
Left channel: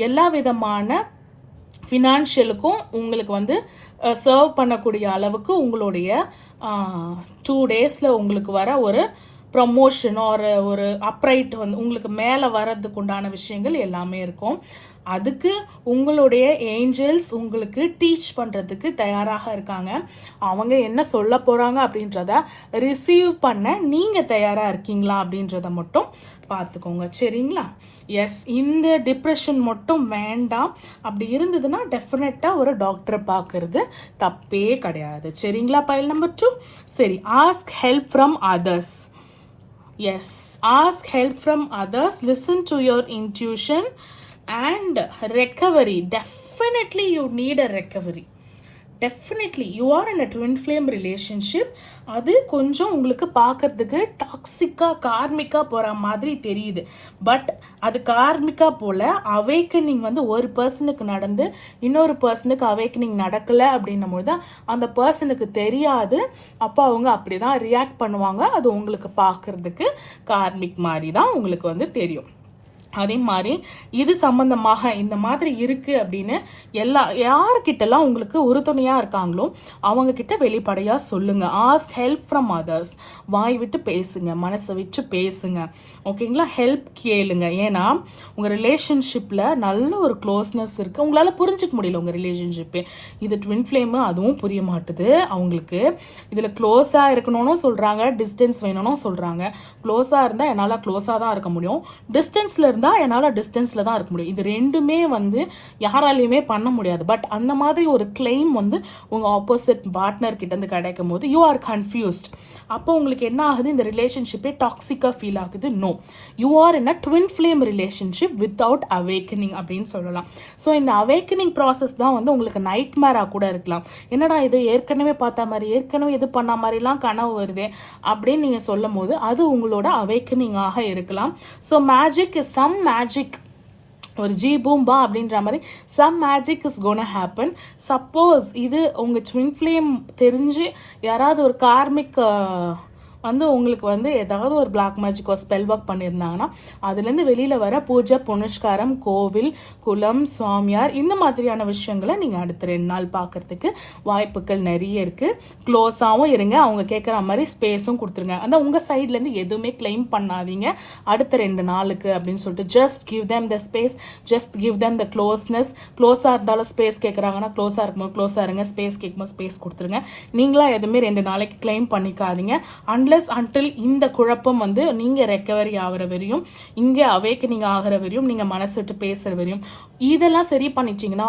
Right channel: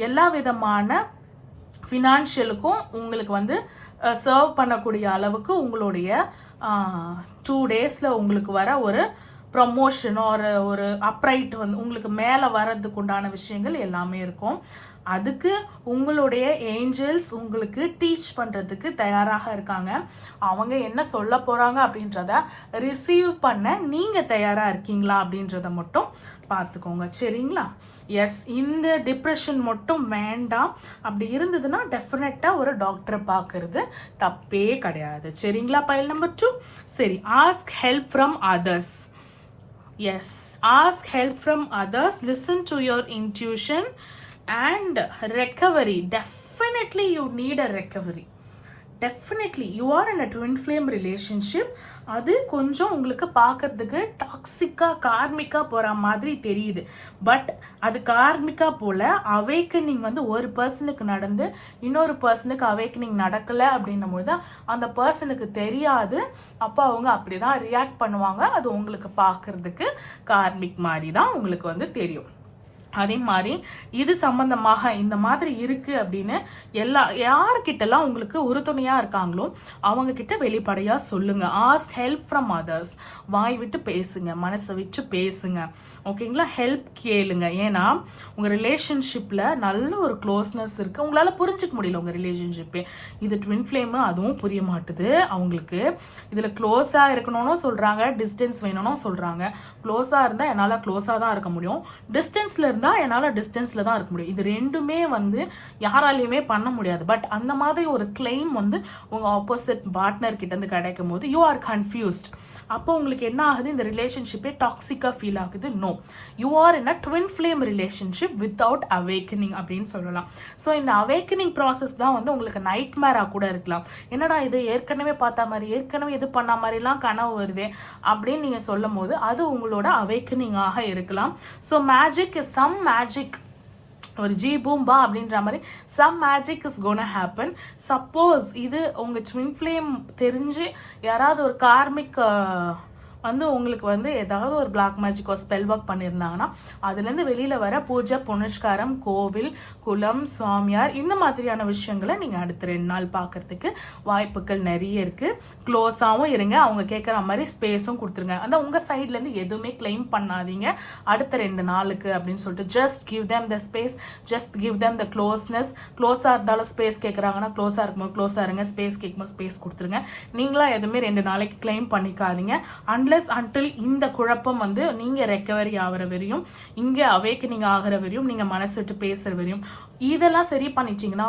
எல்லா விதமான ஃபினான்ஷியலுக்கும் உங்களுக்கு வந்து சர்வ் பண்ணக்கூடிய அளவுக்கு உங்களுடைய 2 டேஸில் உங்களுக்கு வர ஒரு ப்ரமோஷன் ஒரு அப்ரைட் வந்து உங்களுக்கு மேலே வர்றதுக்கு உண்டான விஷயங்கள் எல்லாமே இருக்கும். அதுக்கு உங்களுடைய ஏஞ்சல்ஸ் உங்களுக்கு டீச் பண்ணுறதுக்கு தயாராக இருக்காங்க. அவங்க என்ன சொல்ல போகிறாங்க அப்படின்றத ரிசீவ் பண்ண நீங்கள் தயாராக இருக்கீங்களா அப்படின்றத மட்டும் பார்த்துக்கோங்க, சரிங்களா? எஸ், இந்த டிப்ரெஷன் மட்டும் வேண்டாம். அப்படி இருந்ததுன்னா டெஃபினட்டாக ஒரு டாக்டரை பார்க்கறது தப்பே கிடையாது, சரிங்களா? Pile number 2. சரி, ask help from others. Yes, ask help from others, listen to your intuition and recovery. Definitely you need a recovery. Definitely you are in a twin flame relationship. அது கொஞ்சம் உங்களுக்கு பார்க்கறதுக்கு டாக்ஸிக்கா கார்மிக்கா போற மாதிரி தெரியுது. பட் அது கார்மிக்கா போல அவேக்கனிங் வந்து ஒரு பர்சனுக்கு நடந்து இன்னொரு பர்சனுக்கு அவேக்கனிங் நடக்கல அப்படின்னும் போது அந்த பர்சனுக்கு தெரியாது. அப்போ அவங்க அப்படிதான் ரியாக்ட் பண்ணுவாங்க. அது உங்களுக்கு பார்க்கறதுக்கு கார்மிக் மாதிரி தான் உங்களுக்கு வந்து தெரியும். அதே மாதிரி இது சம்பந்தமாக இந்த மாதிரி இருக்கு அப்படின்னு யாருக்கிட்டலாம் உங்களுக்கு உறுதுணையா இருக்காங்களோ அவங்க கிட்ட வெளிப்படையா சொல்லுங்க. Ask help from others. வாய் விட்டு பேசுங்க, மனசை விட்டு பேசுங்க, ஓகேங்களா? ஹெல்ப் கேளுங்க. ஏன்னா உங்க ரிலேஷன்ஷிப்ல நல்ல ஒரு க்ளோஸ்னஸ் இருக்கு. உங்களால புரிஞ்சுக்க முடியல உங்க ரிலேஷன்ஷிப்பு. இது ட்வின் ஃப்ளேமு, அதுவும் புரிய மாட்டுது அவங்களுக்கு. இதுல க்ளோஸா இருக்கணும்னு சொல்றாங்க, டிஸ்டன்ஸ் வேணும்னு சொல்றாங்க. க்ளோஸா இருந்தா என்னால க்ளோஸா தான் இருக்க முடியும், டிஸ்டன்ஸ்ல இருந்தா என்னால டிஸ்டன்ஸ்ல தான் இருக்க முடியும். இது ரெண்டுமே வந்து யாராலையுமே பண்ண முடியாது. பட் அந்த மாதிரி ஒரு கிளைம் வந்து உங்க ஆப்போசிட் பார்ட்னர் கிட்ட இருந்து கிடைக்கும் போது யூ ஆர் கன்ஃபியூஸ்ட். அப்போ உங்களுக்கு என்ன ஆகுது? இந்த ரிலேஷன்ஷிப்பே டாக்ஸிக்கா ஃபீல் ஆகுது. No, you are in a twin flame relationship without awakening அப்படின்னு சொல்லலாம். ஸோ இந்த அவேக்கனிங் ப்ராசஸ் தான் வந்து உங்களுக்கு நைட் மேரா கூட இருக்கலாம். என்னடா இது ஏற்கனவே பார்த்த மாதிரி, ஏற்கனவே இது பண்ண மாதிரிலாம் கனவு வருதே அப்படின்னு நீங்க சொல்லும் போது அது உங்களோட அவேக்கனிங்காக இருக்கலாம். So magic is some magic, ஒரு ஜி பூம்பா அப்படின்ற மாதிரி some magic is gonna happen. Suppose இது உங்க ட்வின் ஃப்ளேம் தெரிஞ்சு யாராவது ஒரு கார்மிக் வந்து உங்களுக்கு வந்து ஏதாவது ஒரு பிளாக் மேஜிக் ஒரு ஸ்பெல் ஒர்க் பண்ணியிருந்தாங்கன்னா அதுலேருந்து வெளியில் வர பூஜை புனஸ்காரம், கோவில், குலம், சுவாமியார், இந்த மாதிரியான விஷயங்களை நீங்கள் அடுத்த 2 நாள் பார்க்கறதுக்கு வாய்ப்புகள் நிறைய இருக்குது. க்ளோஸாகவும் இருங்க, அவங்க கேட்குற மாதிரி ஸ்பேஸும் கொடுத்துருங்க. அந்த உங்கள் சைட்லேருந்து எதுவுமே கிளைம் பண்ணாதீங்க அடுத்த 2 நாளுக்கு அப்படின்னு சொல்லிட்டு. Just give them the space, just give them the closeness. க்ளோஸாக இருந்தாலும் ஸ்பேஸ் கேட்குறாங்கன்னா க்ளோஸாக இருக்கும்போது க்ளோஸாக இருங்க, ஸ்பேஸ் கேட்கும்போது ஸ்பேஸ் கொடுத்துருங்க. நீங்களா எதுவுமே 2 நாளைக்கு கிளைம் பண்ணிக்காதீங்க. அன்டில் இந்த குழப்பம் வந்து நீங்க ரெக்கவரி ஆகிற வரையும், இங்க அவேக்கனிங் ஆகிற வரையும், நீங்க மனசு விட்டு பேசுற வரையும் இதெல்லாம் சரி பண்ணிச்சிங்கன்னா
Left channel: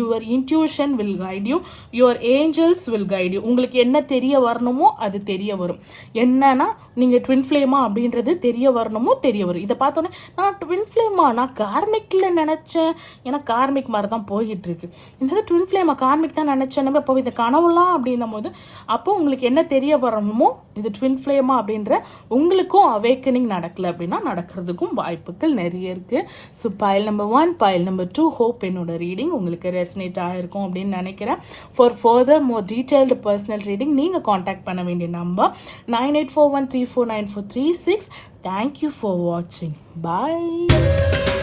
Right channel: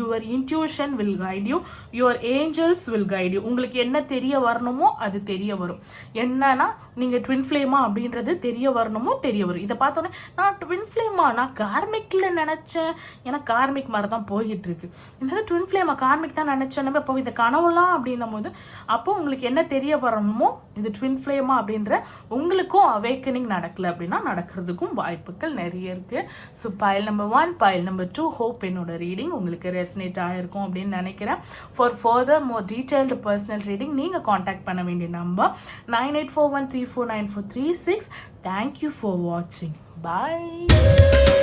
your intuition will guide you, your angels will guide you. உங்களுக்கு என்ன தெரிய வரணுமோ அது தெரிய வரும். என்னன்னா நீங்க ட்வின் ஃப்ளேமா அப்படின்றது தெரிய வரணுமோ தெரிய வரும். இதை பார்த்தோன்னே நான் ட்வின் ஃப்ளேமா, நான் கார்மிக்ல நினைச்சேன், ஏன்னா கார்மிக் மாதிரி தான் போயிட்டு இருக்கு. இந்த ட்வின் ஃப்ளேமா கார்மிக் தான் நினைச்சேன். இப்போ இந்த கனவுலாம் அப்படின்னும் போது அப்போ உங்களுக்கு என்ன தெரிய வரணுமோ இது ட்வின் ஃப்ளேமா அப்படின்ற உங்களுக்கும் அவேக்கனிங் நடக்கல அப்படின்னா நடக்கிறதுக்கும் வாய்ப்புகள் நிறைய இருக்கு. So pile number 1, file number 2, hope என்னோட ரீடிங் உங்களுக்கு ரெசனேட் ஆகிருக்கும் அப்படின்னு நினைக்கிறேன். For further more detailed personal reading நீங்கள் காண்டாக்ட் பண்ண வேண்டிய number 9841349436. Thank you for watching. Bye.